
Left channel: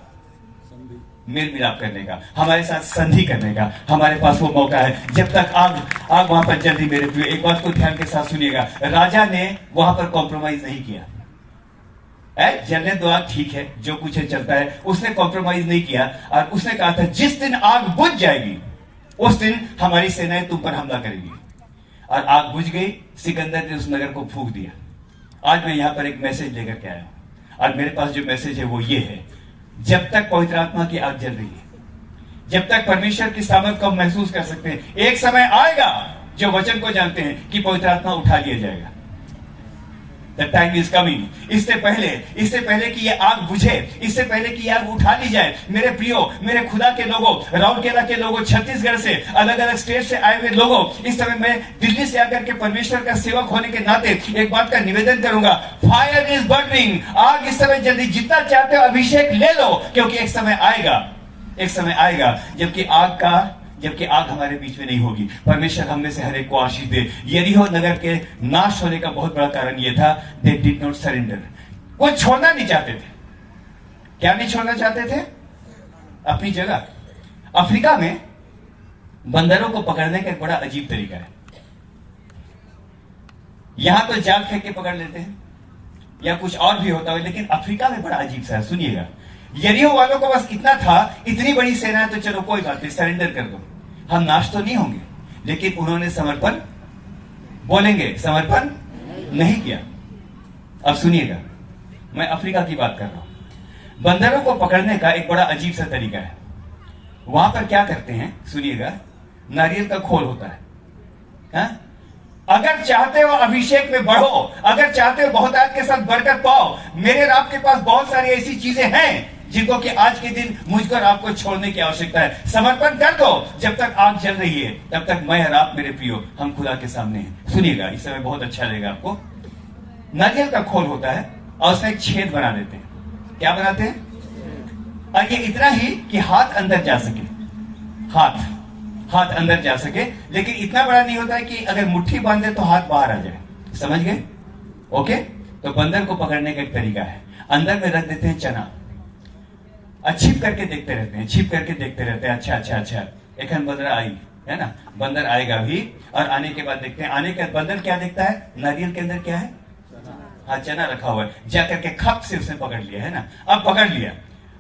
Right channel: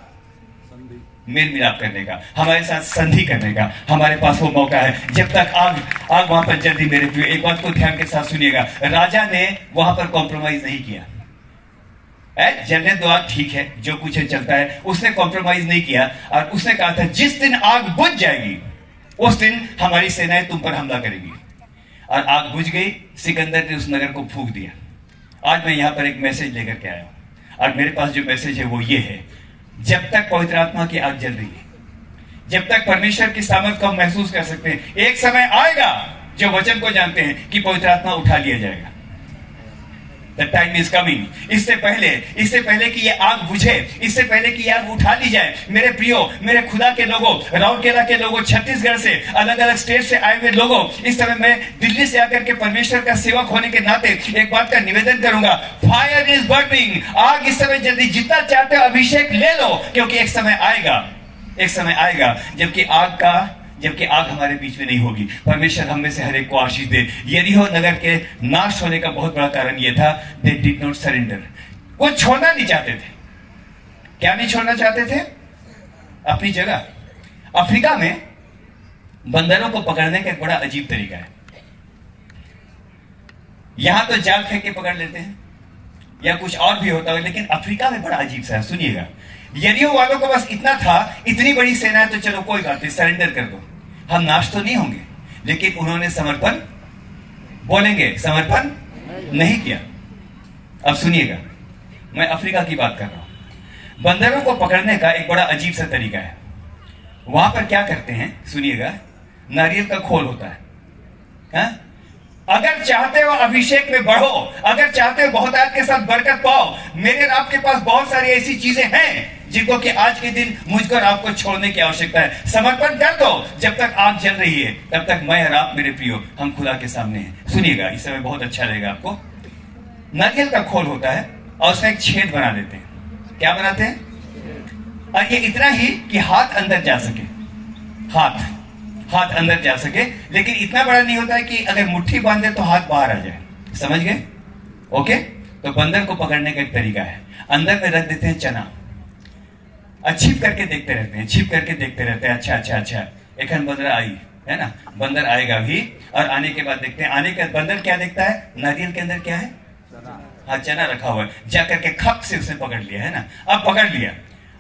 मेल मिलाप करने का, हमारे साथ संधि करने का, हमारे पास वो मौका है। जब तक आग वहां पर जल रही। मेरे प्रिय, एक बात को ध्यान के साथ सुनिएगा, राजा ने वहां पर कॉम्प्रोमाइज नहीं किया। जलने दो आग, ठीक है, जो कुछ है चलता है, उसने कॉम्प्रोमाइज नहीं किया। और उसने कहा था, जिस दिन आग बुझ जाएगी उस दिन हमारी सेनाएं तुम पर हमला करेगी। और आग बुझ गई, सिकंदर ने उस नगर को फूंक दिया। आज मैं यहां पर एक मैसेज लेकर के आया हूं, और मेरे पास जो मैसेज है वो ये है, जब तक पवित्र आत्मा की आग जल रही है, जब तक परमेश्वर की सामर्थ को हम महसूस कर सकते हैं, एक समय आएगा जो वचन को जानते हैं कि पवित्र आत्मा उठा लिया जाएगा। The time is coming। इससे पहले कि ये आग बुझे, इससे पहले कि ये आग उठा ली जाए, मेरे प्रियो, मेरे खुदा के लोगों, राउरकेला के लोगों, छत्तीसगढ़ से, अलग अलग स्टेट से आए हुए लोगों, इस समय मैं दिल्ली से आकर के परमेश्वर का सेवक होने के नाते एक बात का निवेदन करूंगा, फायर इज बर्निंग। आग इस समय जल्दी, जितना चाहते हो अभिषेक ले लो, क्योंकि एक समय आएगा जबकि आग हमारे बीच में नहीं होगी। परमेश्वर हम में से हर एक को आशीष दे। यरीहो नगर के नाश होने का बहुत बड़ा कारण यह था, दे डिड नॉट सरेंडर। वो छोड़ना नहीं चाहते थे। क्या नहीं छोड़ना चाहते थे? अपनी जगह। अफ्रीका में बंदरों को पकड़ने का एक बड़ा अजीब तरीका है। यहां तो जाल फेंक के पकड़ लेते हैं या कुछ और भी होता है, लेकिन अफ्रीका में बड़ा अजीब सा है। सुनिएगा, यरीहो वालों को बस इतना था, इतनी बड़ी सेना, तो चलो कोई बात नहीं, सरेंडर कर दो, हम नाश तो नहीं होंगे। लेकिन उन्होंने समर्पण, बोलेंगे समर्पण नहीं किया। अब सुनिएगा, मैं अफ्रीका की बात कर रहा हूं। बंदरों को पकड़ने का एक बड़ा अजीब सा तरीका है। वहां पर क्या करते हैं, सुनिएगा, नारियल का खोल होता है, हा? अगर चाहते हो अभिषेक में बढ़ो, अगर चाहते हो बहुतायत के साथ बरकत पाओ, मेरे और आपके पास बहुत सारी ऐसी चीजें हैं जिनको कि आज के दिन मुझको और आपको छोड़ने की आवश्यकता है। समर्पण कर दो। जब तक आग जल रही है, तब तक मैं और आप, मेरे प्रियो, हम खुदा के सामने हैं। सुनिएगा, इस समय बहुत अच्छा लगेगा आपको। नारियल का खोल होता है और उसमें एक छेद बना देते हैं। क्या बनाते हैं? और ये इतना ही कि हाथ अंदर जा सके, हाथ अंदर जा सके, लेकिन इतना बड़ा नहीं होता है कि अगर मुट्ठी बांधे तो हाथ बाहर आ जाए। समझ गए? ओके। तो बंदर को पकड़ने का एक तरीका है, अंदर में रख देते हैं चना, छिप करके देखते रहते हैं, छिप करके देखते रहते हैं। अच्छा एक बंदर आई है ना, बंदर आएगा भी, और आने के बाद देखते हैं, आने के बंदर क्या देखता है? नारियल के अंदर क्या है? हाँ, चना रखा हुआ है। जा करके खप से उसने पकड़ लिया, है ना। अब पकड़ लिया,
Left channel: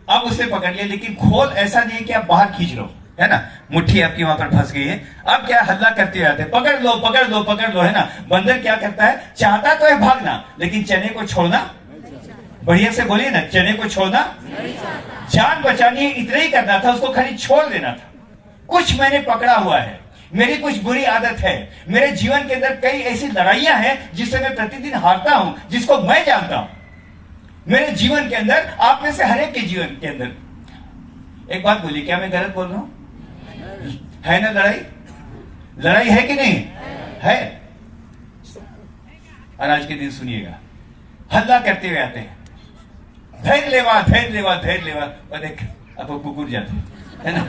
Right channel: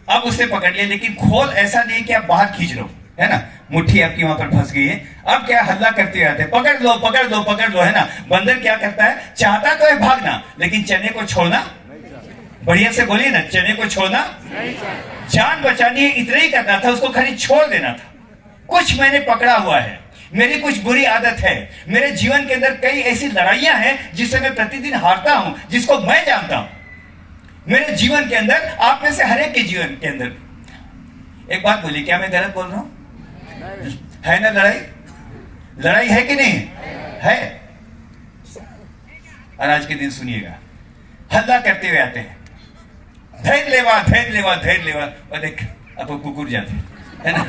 अब उसने पकड़ लिया, लेकिन खोल ऐसा नहीं कि आप बाहर खींच लो, है ना, मुट्ठी आपकी वहां पर फंस गई है। अब क्या हल्ला करते रहते, पकड़ लो पकड़ लो पकड़ लो, है ना। बंदर क्या करता है? चाहता तो है भागना, लेकिन चने को छोड़ना, बढ़िया से बोलिए ना, चने को छोड़ना, जान बचानी इतना ही करना था, उसको खाली छोड़ देना था। कुछ मैंने पकड़ा हुआ है, मेरी कुछ बुरी आदत है, मेरे जीवन के अंदर कई ऐसी लड़ाइयां हैं जिससे मैं प्रतिदिन हारता हूं, जिसको मैं जानता हूं। मेरे जीवन के अंदर, आप में से हर एक के जीवन के अंदर। एक बात बोलिए, क्या मैं गलत बोल रहा हूं? है ना लड़ाई है कि नहीं है? और आज के दिन सुनिएगा, हल्ला करते हुए आते हैं, धैर्य लेवा और देख आपको कुकुर जाते, है ना।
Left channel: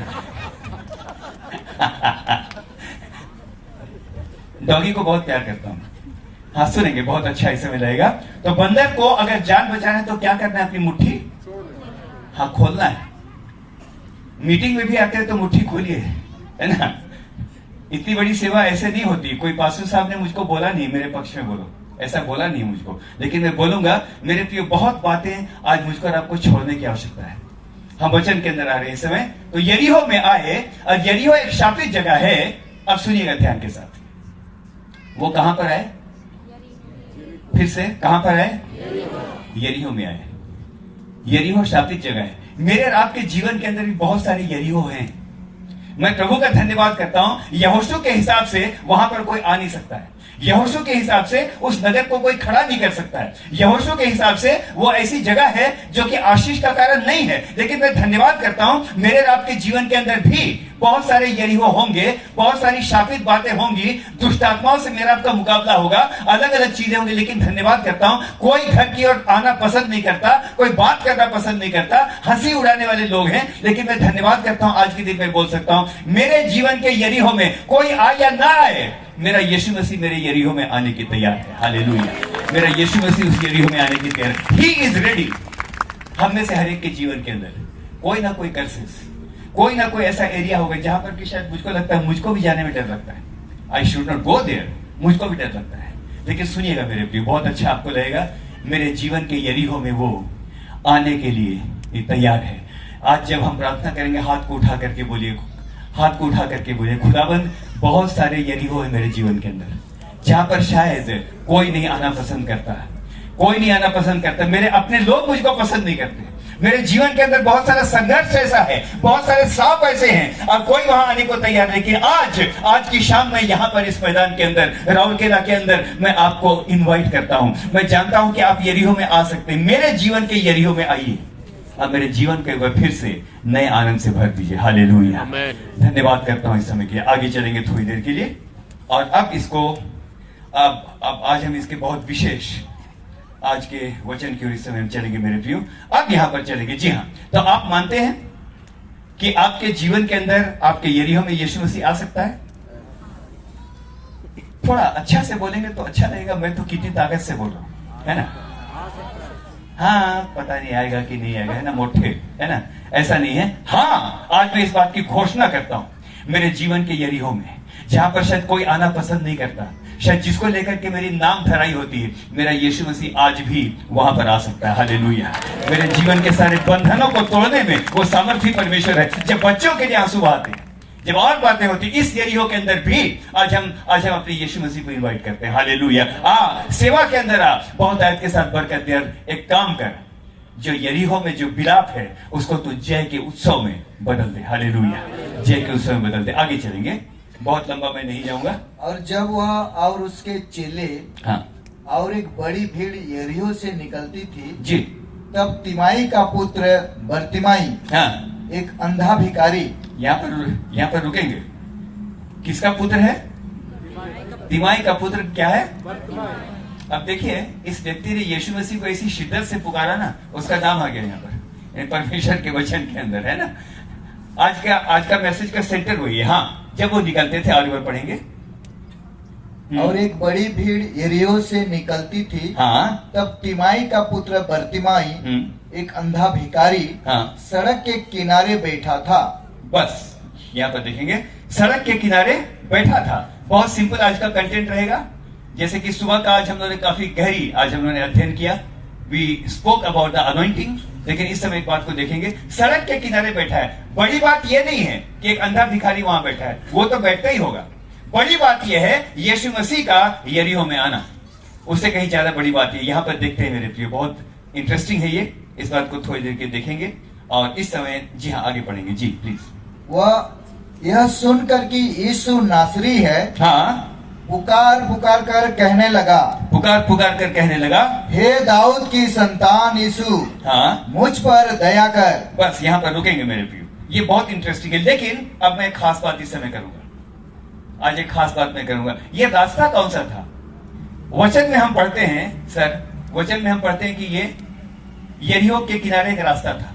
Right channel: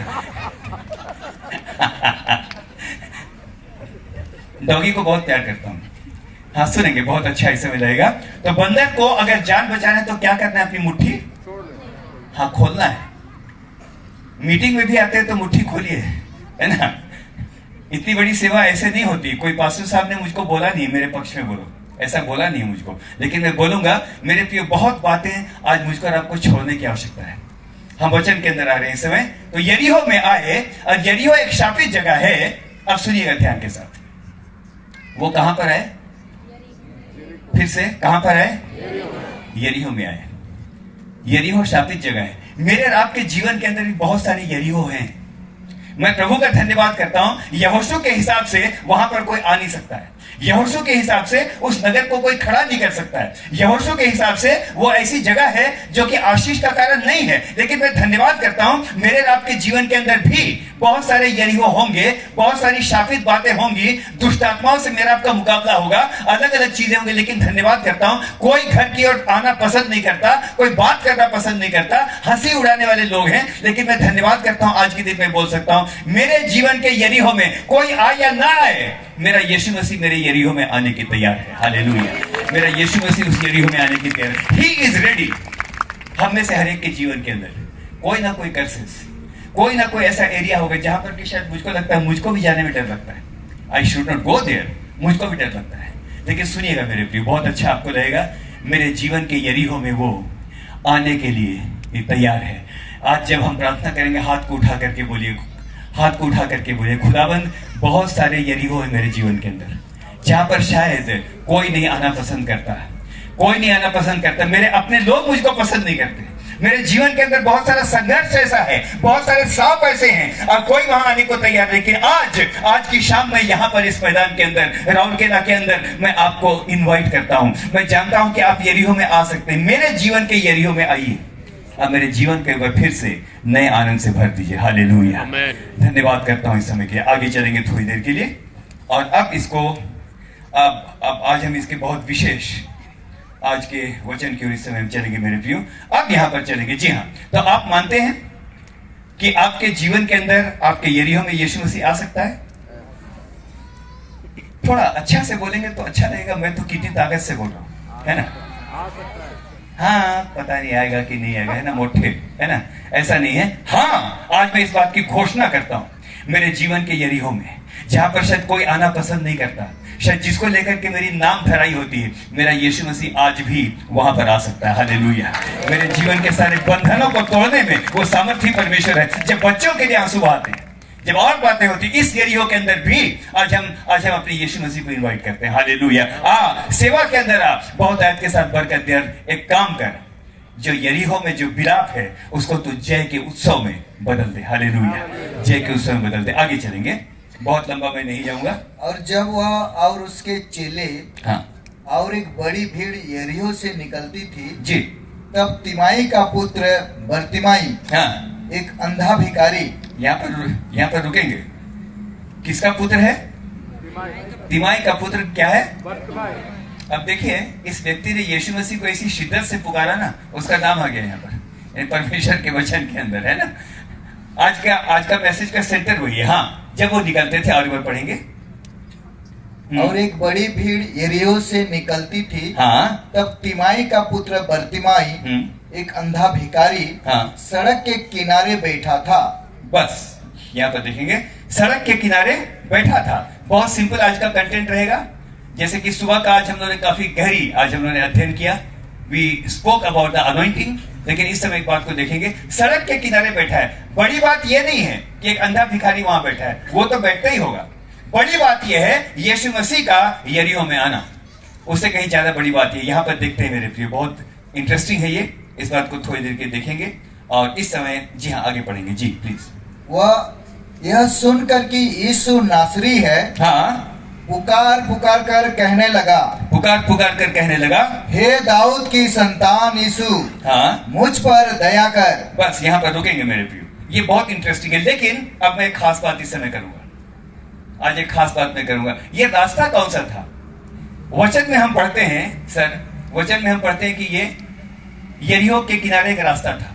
डॉगी को बहुत प्यार करता हूं। हाँ, सुनेंगे, बहुत अच्छा इस समय लगेगा। तो बंदर को अगर जान बचाना है तो क्या करना है? अपनी मुट्ठी, हाँ, खोलना है। मीटिंग में भी आते हैं तो मुट्ठी खोलिए, है ना। इतनी बड़ी सेवा ऐसे नहीं होती। कोई पास्टर साहब ने मुझको बोला नहीं, मेरे पक्ष में बोलो, ऐसा बोला नहीं मुझको, लेकिन मैं बोलूंगा, मेरे प्रिय, बहुत बातें आज मुझको और आपको छोड़ने की आवश्यकता है। हम वचन के अंदर आ रहे हैं इस समय। तो यरीहो में आए, और यरीहो एक शापित जगह है। अब सुनिएगा ध्यान के साथ, वो कहां पर आए? फिर से कहां पर आए? यरीहो में आए। यरीहो शापित जगह है। मेरे और आपके जीवन के अंदर भी बहुत सारे यरीहो हैं। मैं प्रभु का धन्यवाद करता हूं, यहोशू के हिसाब से वहां पर कोई आ नहीं सकता है। यहोशू के हिसाब से उस नगर को कोई खड़ा नहीं कर सकता है। यहोशू के हिसाब से वो ऐसी जगह है जो कि आशीष का कारण नहीं है। लेकिन मैं धन्यवाद करता हूं, मेरे और आपके जीवन के अंदर भी बहुत सारे यरीहो होंगे, बहुत सारी शापित बातें होंगी, दुष्ट आत्माओं से मेरा आपका मुकाबला होगा, अलग अलग चीजें होंगी। लेकिन धन्यवाद करता हूं, कोई घर की ओर आना पसंद नहीं करता, कोई बात करना पसंद नहीं करता, हंसी उड़ाने वाले लोग हैं। लेकिन मैं धन्यवाद करता हूं, आज के दिन में बोल सकता हूं, मेरे जीवन के यरीहो में कोई आए या ना आए, मेरा यीशु मसीह मेरे यरीहो में आने की तैयार है। हालेलुया। मेरा यीशु मसीह उस यरीहो में आने की तैयार है। He is ready. हम में से हर एक के जीवन के अंदर कोई ना कोई कर्सेस, कोई ना कोई ऐसा एरिया होगा जहां पर कि शायद मुझको लगता है, मुझको भी जाने में डर लगता है। I should not go there, मुझको भी डर लगता है। लेकिन सुनिएगा मेरे प्रिय, बहुत अच्छा आपको लगेगा, मेरे जीवन के यरीहो में वो आने के लिए तैयार है। आज जब हम प्रार्थना करेंगे, हाथ को उठा करके बोलिए, हाथ को उठा करके बोलिए, खुदाबंद, बहुत सारे यरीहो है मेरे जीवन के अंदर जहां पर शायद कोई नहीं आना पसंद करता, कोई नहीं आना पसंद करता, मेरे अपने लोग मुझको पसंद नहीं करते। मेरे जीवन के अंदर बहुत सारा संघर्ष ऐसा है, बहुत सारे सांप ऐसे हैं, और कोई वहां आने को तैयार नहीं। लेकिन आज की शाम में यहाँ पर इस मैदान के अंदर, राउरकेला के अंदर, मैं आपको इनवाइट करता हूं। मैं जानता हूं कि आप यरीहो में आ सकते हैं। मेरे जीवन के यरीहो में आइए, अब मेरे जीवन के ऊपर फिर से नए आनंद से भर दीजिए। हालेलुया। धन्यवाद करता हूं इस समय के लिए। आगे चलेंगे थोड़ी देर के लिए, और अब इसको अब आज हम इसके बहुत विशेष आज के वचन की ओर इस समय हम चलेंगे मेरे प्रियो। अब यहां पर चलेंगे। जी हाँ, तो आप मानते हैं कि आपके जीवन के अंदर, आपके यरीहो में यीशु मसीह आ सकता है? थोड़ा अच्छा से बोलेंगे तो अच्छा रहेगा। मैं तो कितनी ताकत से बोल रहा हूं, है ना। हाँ, पता नहीं आएगा कि नहीं आएगा, है ना, मोटे, है ना, ऐसा नहीं है। हाँ, आज मैं इस बात की घोषणा करता हूं, मेरे जीवन के यरीहो में जहां पर शायद कोई आना पसंद नहीं करता, शायद जिसको लेकर के मेरी नाम धराई होती है, मेरा यीशु मसीह आज भी वहां पर आ सकता है। हालेलुया। मेरे जीवन के सारे बंधनों को तोड़ने में वो सामर्थ्य परमेश्वर है। जब बच्चों के लिए आंसू बहाते हैं, जब और बातें होती, इस यरीहो के अंदर भी आज हम अपने यीशु मसीह को इनवाइट करते हैं। हालेलुया। सेवा के अंदर बहुत आयत के साथ बरकत दे, एक काम कर, जो यरीहो में जो विलाप है उसको तू जय के उत्सव में बदल दे। हालेलुया। जय के उत्सव में बदल दे। आगे चलेंगे, बहुत लंबा मैं नहीं जाऊंगा। और जब वह और उसके चेले, हाँ, और एक बड़ी भीड़ यरीहो से निकलती थी जी, तब तिमाई का पुत्र बर्तिमाई, हाँ, एक अंधा भिखारी, यहाँ पर रुकेंगे। किसका पुत्र है? तिमाई का पुत्र क्या है? अब देखिए, इस व्यक्ति ने यीशु मसीह को ऐसी शिद्दत से पुकारा ना, उसका नाम आ गया यहाँ पर परमेश्वर के वचन के अंदर, है ना। आज का मैसेज का सेंटर वही है। हाँ, जब वो निकलते थे, आगे बढ़ पढ़ेंगे। और एक बड़ी भीड़ यरीहो से निकलती थी। हाँ। तब तिमाई का पुत्र बर्तिमाई, एक अंधा भिखारी, हाँ, सड़क के किनारे बैठा था। बस यहाँ पर देखेंगे, सड़क के किनारे बैठा था। बहुत सिंपल आज का कंटेंट रहेगा। जैसे कि सुबह का आज हम लोगों ने काफी गहरी आज हम लोगों ने अध्ययन किया, we spoke about the anointing. लेकिन इस समय एक बात को देखेंगे, सड़क के किनारे बैठा है। बड़ी बात यह नहीं है कि एक अंधा भिखारी वहां बैठा है, वो तो बैठता ही होगा। बड़ी बात यह है यीशु मसीह का यरीहो में आना, उससे कहीं ज्यादा बड़ी बात है। यहां पर देखते हैं मेरे प्रिय, बहुत इंटरेस्टिंग है ये। इस बात को थोड़ी देर के देखेंगे और इस समय जी हाँ आगे पढ़ेंगे। जी प्लीज। वह यह सुनकर कि यीशु नासरी है, हाँ, पुकार पुकार कर कहने लगा, हे दाऊद की संतान यीशु, हाँ, मुझ पर दया कर। बस यहाँ पर रुकेंगे मेरे प्रियो, ये बहुत इंटरेस्टिंग है। लेकिन अब मैं एक खास बात इस समय करूंगा। आज एक खास बात मैं करूंगा। ये रास्ता कौन सा था? वचन में हम पढ़ते हैं सर, वचन में हम पढ़ते हैं कि ये यरीहो के किनारे एक रास्ता था।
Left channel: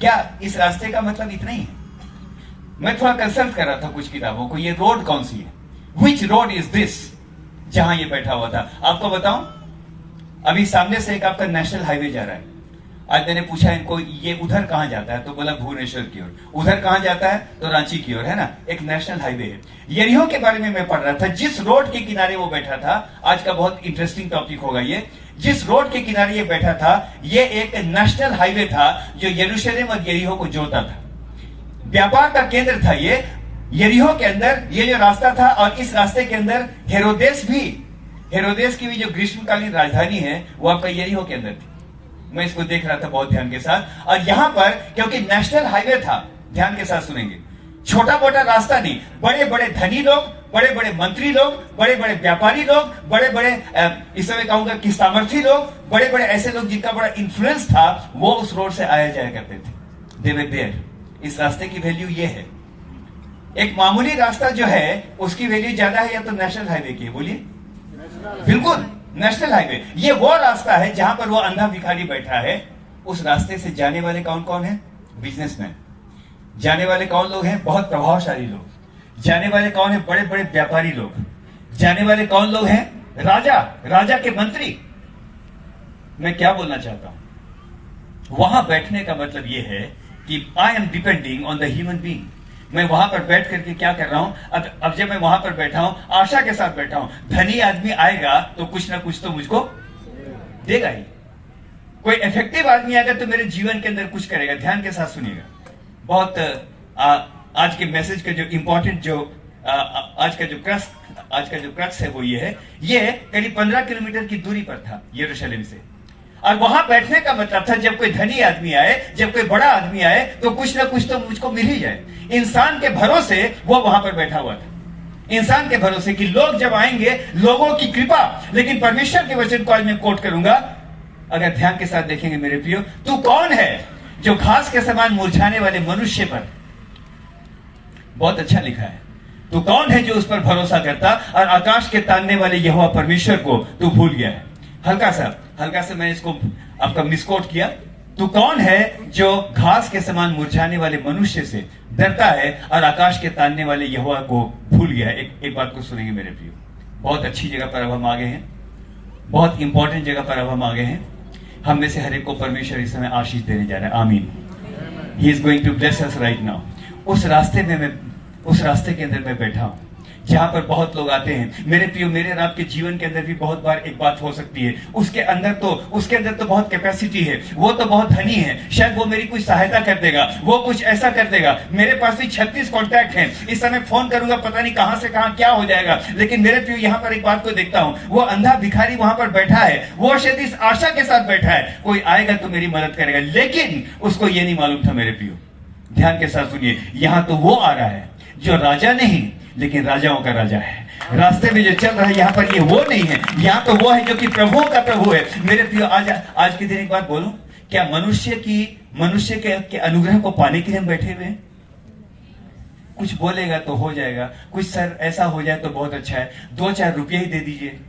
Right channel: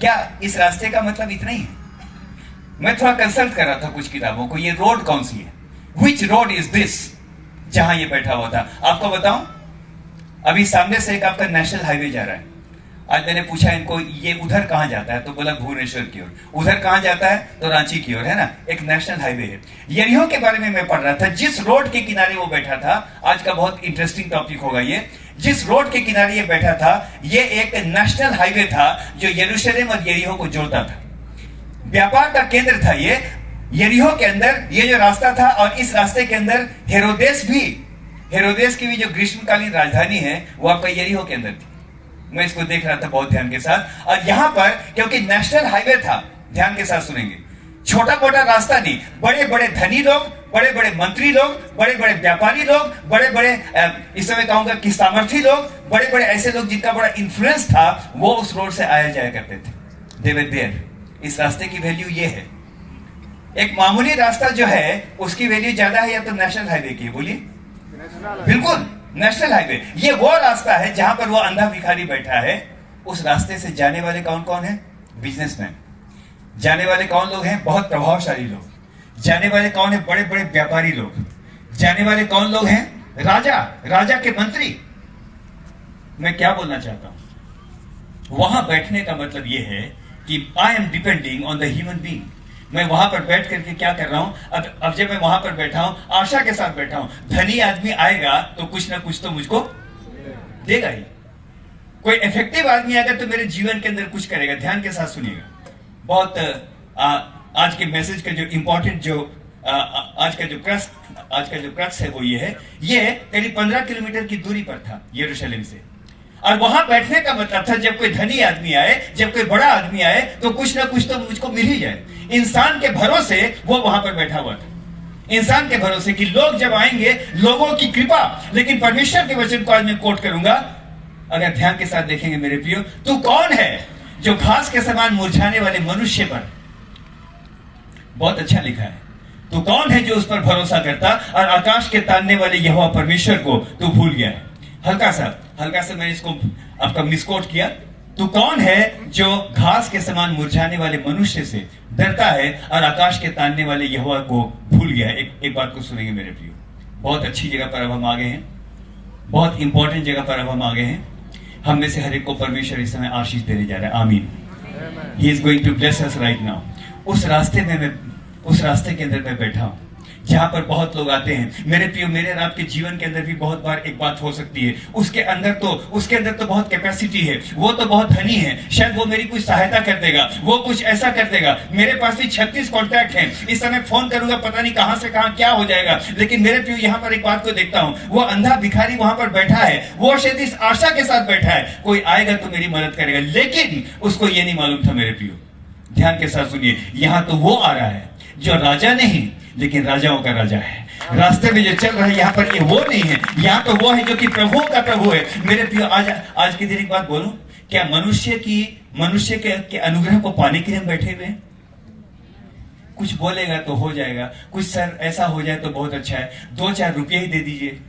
क्या इस रास्ते का मतलब इतना ही है? मैं थोड़ा कंसल्ट कर रहा था कुछ किताबों को, ये रोड कौन सी है, विच रोड इज दिस, जहां ये बैठा हुआ था। आपको बताऊं, अभी सामने से एक आपका नेशनल हाईवे जा रहा है। आज मैंने पूछा इनको, ये उधर कहां जाता है, तो बोला भुवनेश्वर की ओर। उधर कहां जाता है, तो रांची की ओर, है ना। एक नेशनल हाईवे है। यरीहो के बारे में मैं पढ़ रहा था, जिस रोड के किनारे वो बैठा था। आज का बहुत इंटरेस्टिंग टॉपिक होगा ये। जिस रोड के किनारे ये बैठा था, ये एक नेशनल हाईवे था जो यरूशलेम और यरीहो को जोड़ता था। व्यापार का केंद्र था ये यरीहो के अंदर, ये जो रास्ता था। और इस रास्ते के अंदर हेरोदेस की भी जो ग्रीष्मकालीन राजधानी है, वो आपका यरीहो के अंदर थी। मैं इसको देख रहा था बहुत ध्यान के साथ। और यहां पर क्योंकि नेशनल हाईवे था, ध्यान के साथ सुनेंगे, छोटा मोटा रास्ता नहीं, बड़े बड़े धनी लोग, बड़े बड़े मंत्री लोग, बड़े बड़े व्यापारी लोग, बड़े बड़े इस समय कहूंगा कि सामर्थी लोग, बड़े बड़े ऐसे लोग जिनका बड़ा इंफ्लुएंस था, वो उस रोड से आया जाया करते थे। दे वर देयर। इस रास्ते की वैल्यू ये है। एक मामूली रास्ता जो है उसकी वैल्यू ज्यादा है या तो नेशनल हाईवे की? बोलिए। बिल्कुल, नेशनल हाईवे। ये वो रास्ता है जहां पर वो अंधा भिखारी बैठा है। उस रास्ते से जाने वाले कौन कौन है? बिजनेसमैन। जाने वाले कौन लोग हैं? बहुत प्रभावशाली लोग। जाने वाले कौन है? बड़े बड़े व्यापारी लोग। जाने वाले कौन लोग हैं? राजा के मंत्री। मैं क्या बोलना चाहता हूं, वहां बैठने का मतलब यह है कि I am depending on the human being. मैं वहां पर बैठ करके क्या कर रहा हूं? अब जब मैं वहां पर बैठा हूं, आशा के साथ बैठा हूं, धनी आदमी आएगा तो कुछ ना कुछ तो मुझको देगा ही। कोई इफेक्टिव आदमी आएगा तो मेरे जीवन के अंदर कुछ करेगा। ध्यान के साथ सुनिएगा। बहुत आज के मैसेज का जो इंपॉर्टेंट जो आज का जो क्रक्स है वो ये है। ये करीब 15 किलोमीटर की दूरी पर था यरूशलेम से। और वहां बैठने का मतलब था, जब कोई धनी आदमी आए, जब कोई बड़ा आदमी आए, तो कुछ ना कुछ तो मुझको मिल ही जाए। इंसान के भरोसे वो वहां पर बैठा हुआ था। इंसान के भरोसे कि लोग जब आएंगे, लोगों की कृपा। लेकिन परमेश्वर के वचन को आज मैं कोट करूंगा, अगर ध्यान के साथ देखेंगे मेरे प्रियो, तू कौन है जो घास के समान मुरझाने वाले मनुष्य पर, बहुत अच्छा लिखा है, तू कौन है जो उस पर भरोसा करता और आकाश के तानने वाले यहोवा परमेश्वर को तू भूल गया है। हल्का सा मैंने इसको आपका मिसकोट किया। तू कौन है जो घास के समान मुरझाने वाले मनुष्य से डरता है और आकाश के तानने वाले यहोवा को भूल गया है। एक बात को सुनेंगे मेरे प्रियो, बहुत अच्छी जगह पर अब हम आ गए हैं, बहुत इंपॉर्टेंट जगह पर अब हम आ गए हैं। हम में से हर एक को परमेश्वर इस समय आशीष देने जा रहा है। आमीन। He is going to bless us right now. उस रास्ते के अंदर मैं बैठा हूं जहां पर बहुत लोग आते हैं। मेरे प्रियो, मेरे और आपके जीवन के अंदर भी बहुत बार एक बात हो सकती है, उसके अंदर तो बहुत कैपेसिटी है, वो तो बहुत धनी है, शायद वो मेरी कुछ सहायता कर देगा, वो कुछ ऐसा कर देगा। मेरे पास भी 36 कॉन्टैक्ट हैं, इस समय फोन करूंगा पता नहीं कहां से कहां क्या हो जाएगा। लेकिन मेरे प्रियो, यहां पर एक बात को देखता हूं, वो अंधा भिखारी वहां पर बैठा है, वो शायद इस आशा के साथ बैठा है कोई आएगा तो मेरी मदद करेगा। लेकिन उसको ये नहीं मालूम था मेरे प्रियो, ध्यान के साथ सुनिए, यहां तो वो आ रहा है जो राजा नहीं लेकिन राजाओं का राजा है। रास्ते में जो चल रहा है यहाँ पर, ये वो नहीं है, यहाँ तो वो है जो कि प्रभुओं का प्रभु है। मेरे प्रियो, आज के दिन एक बात बोलूं, क्या मनुष्य के अनुग्रह को पाने के लिए हम बैठे हुए हैं? कुछ बोलेगा तो हो जाएगा, कुछ सर ऐसा हो जाए तो बहुत अच्छा है, 2-4 रुपये ही दे दीजिए,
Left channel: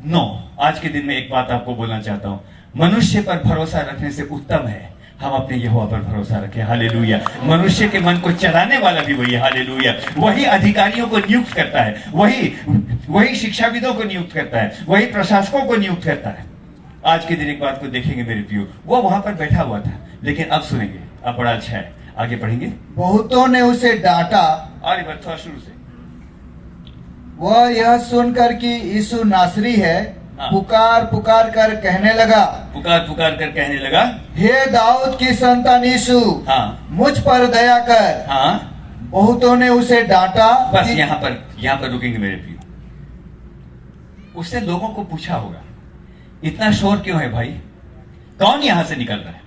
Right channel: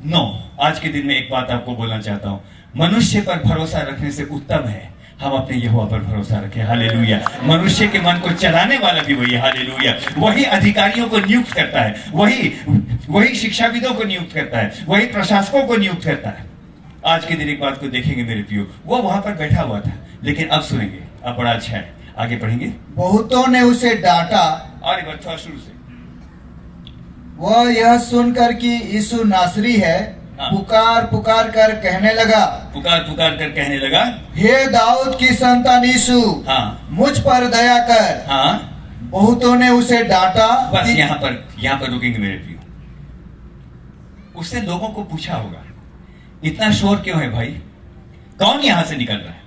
नो, आज के दिन में एक बात आपको बोलना चाहता हूं, मनुष्य पर भरोसा रखने से उत्तम है हम अपने यहोवा पर भरोसा रखें। हालेलुया। मनुष्य के मन को चलाने वाला भी वही है। हालेलुया। वही अधिकारियों को नियुक्त करता है, वही शिक्षाविदों को नियुक्त करता है, वही प्रशासकों को नियुक्त करता है। आज के दिन एक बात को देखेंगे मेरे प्रियो, वो वहां पर बैठा हुआ था, लेकिन अब सुनेंगे, अब बड़ा अच्छा है, आगे पढ़ेंगे। बहुतों ने उसे डांटा, अरे बात थोड़ा शुरू से। वह यह सुनकर कि यीशु नासरी है, हाँ। पुकार पुकार कर कहने लगा, पुकार पुकार कर कहने लगा, हे दाऊद की संतान यीशु, हाँ मुझ पर दया कर। हाँ। बहुतों ने उसे डांटा। बस यहाँ पर रुकेंगे मेरे प्रियो। उसने लोगों को पूछा होगा, इतना शोर क्यों है भाई? कौन यहां से निकल रहा है?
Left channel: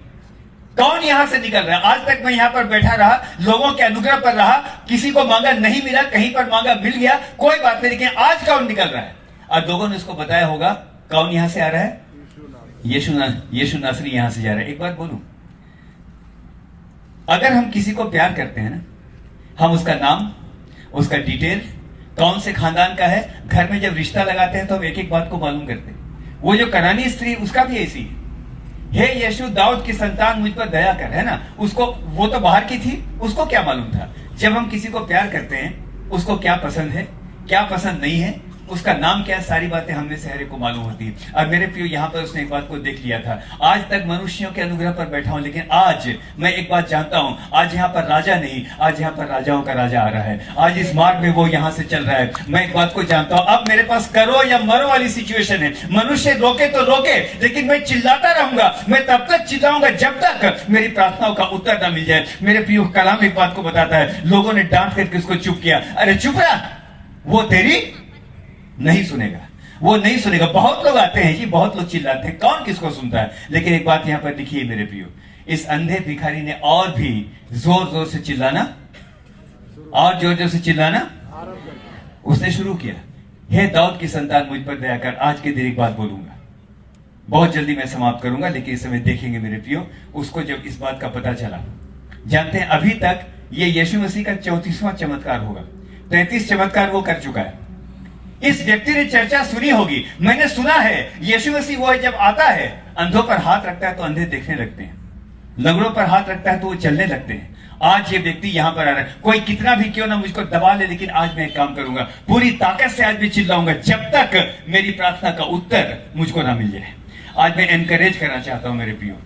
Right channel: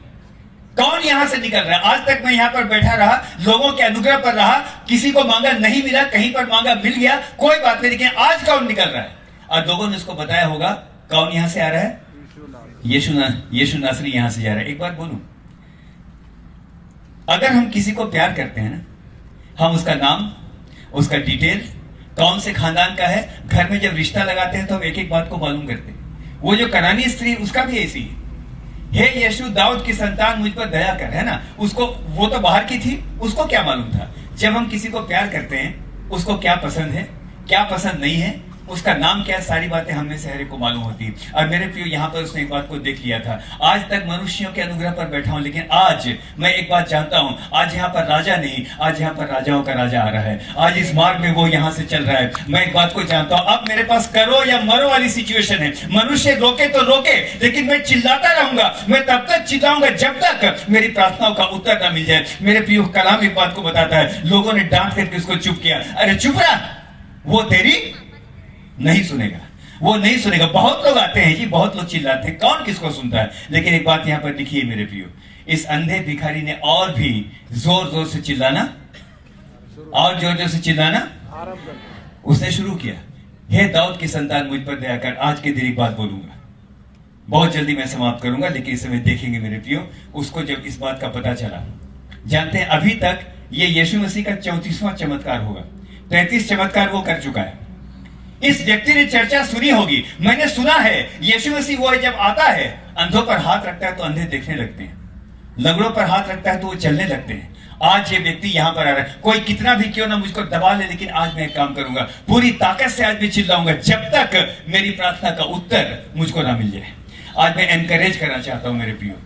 कौन यहां से निकल रहा है? आज तक मैं यहां पर बैठा रहा, लोगों के अनुग्रह पर रहा, किसी को मांगा नहीं मिला, कहीं पर मांगा मिल गया, कोई बात नहीं, लेकिन आज कौन निकल रहा है? और लोगों ने उसको बताया होगा कौन यहां से आ रहा है? यीशु नासरी यहां से जा रहा है। एक बात बोलूं, अगर हम किसी को प्यार करते हैं ना, हम उसका नाम, उसका डिटेल, कौन से खानदान का है, घर में जब रिश्ता लगाते हैं तो हम एक एक बात को मालूम करते हैं। वो जो कनानी स्त्री, उसका भी ऐसी है, हे यीशु दाऊद की संतान मुझ पर दया कर, है ना? उसको, वो तो बाहर की थी, उसको क्या मालूम था? जब हम किसी को प्यार करते हैं, उसको क्या पसंद है, क्या पसंद नहीं है, उसका नाम क्या है, सारी बातें हमने से हर एक को मालूम होती है। और मेरे प्रियो, यहाँ पर उसने एक बात को देख लिया था। आज तक मनुष्यों के अनुग्रह पर बैठा हूं, लेकिन आज मैं एक बात जानता हूं, आज यहाँ पर राजा नहीं, आज यहाँ पर राजाओं का राजा आ रहा है। आज इस मार्ग में वो यहाँ से चल रहा है। मैं एक बात को जानता हूं, अब मेरे पास करो या मरो वाली सिचुएशन है। मनुष्य रोके तो रोके, लेकिन मैं चिल्लाता रहूंगा। मैं तब तक चिल्लाऊंगा जब तक मेरी प्रार्थनाओं का उत्तर न मिल जाए। मेरे प्रियो, कलाम एक बात को बताता है, लोगों ने डांट करके उसको चुप किया। अरे चुप रहा, वो तेरी नहीं सुनेगा, वो नहीं सुनेगा। बहुत लोग आते हैं जी, बहुत लोग चिल्लाते हैं, कौन किसको सुनता है? लेकिन एक बात यहां पर लिखी है मेरे प्रियो, इस अंधे भिखारी ने और भी जोर जोर से चिल्लाना, और जोर जोर से चिल्लाना उसने शुरू किया, हे दाऊद की संतान मुझ पर दया कर। आज के दिन एक बात बोलूंगा, बहुत जल्दी मैं समाप्त करूंगा, लेकिन इस समय देखेंगे मेरे प्रियो, उसको जब इस बात का पता चला, जानते हैं अभी तक ये यीशु मसीह का 34वां चमत्कार होगा। 33 चमत्कार वो कर चुका है। इस व्यक्ति ने चर्चा सुनी होगी, मैंने सुना है यीशु मसीह वो जब आता है, अंधों पर हाथ रखता है तो अंधे देखने लगते हैं, लंगड़ों पर हाथ रखता है तो वो चलने लगते हैं। आज ये व्यक्ति यहां पर आ रहा है, कोई कितना भी क्यों ना मुझको दबा ले, लेकिन आज मैं एक काम करूंगा, पूरी ताकत से आज भी चिल्लाऊंगा जब तक मेरी प्रार्थना का उत्तर मुझको ना मिल जाए। आज मैं एनकरेज करना चाहता हूं मेरे प्रियो।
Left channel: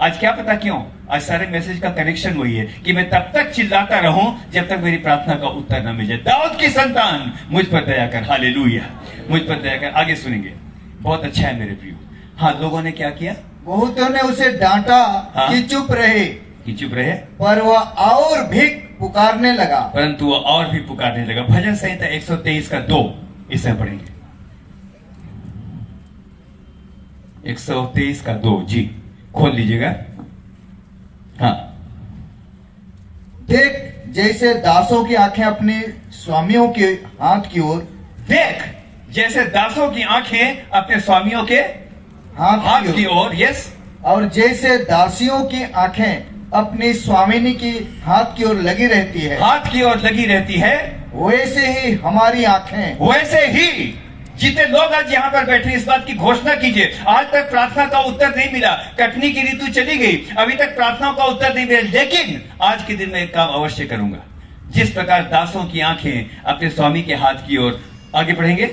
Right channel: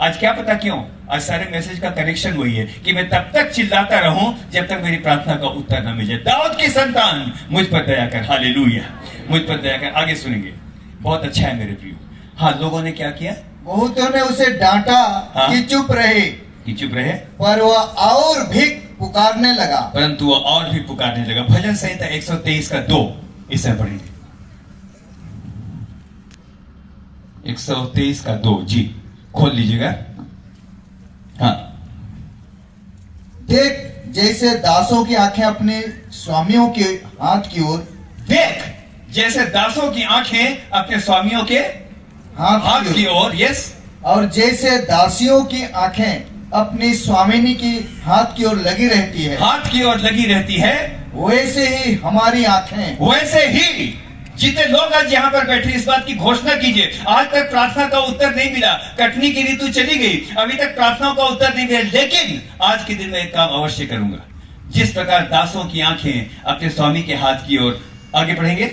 आज क्या पता क्यों, आज सारे मैसेज का कनेक्शन वही है कि मैं तब तक चिल्लाता रहूं जब तक मेरी प्रार्थना का उत्तर न मिल जाए। दाऊद की संतान मुझ पर दया कर। हालेलुया, मुझ पर दया कर। आगे सुनेंगे, बहुत अच्छा है मेरे प्रियो। हाँ, लोगों ने क्या किया? बहुतों ने उसे डांटा, हाँ? कि चुप रहे, पर वह और भी पुकारने लगा, परंतु वह और भी पुकारने लगा। भजन संहिता 123 का 2 इसे पढ़ेंगे। 123 का 2 जी खोल लीजिएगा। हाँ, देख जैसे दासों की आंखें अपने स्वामियों के हाथ की ओर, देख जैसे दासों की आंखें अपने स्वामियों के हाथ की ओर, यस, और जैसे दासियों की आंखें अपनी स्वामिनी की हाथ की ओर लगी रहती है, हाथ की ओर लगी रहती है, वैसे ही हमारी आंखें। वैसे ही जितने लोग आज यहाँ पर बैठे, इस बात की घोषणा कीजिए, आज तक प्रार्थना का उत्तर नहीं मिला, कटनी की ऋतु चली गई, अभी तक प्रार्थनाओं का उत्तर नहीं मिला, लेकिन आज के दिन में एक काम अवश्य करूंगा। जिस प्रकार दासों की आंखें अपने स्वामी के हाथ की ओर, आगे पढ़ेंगे,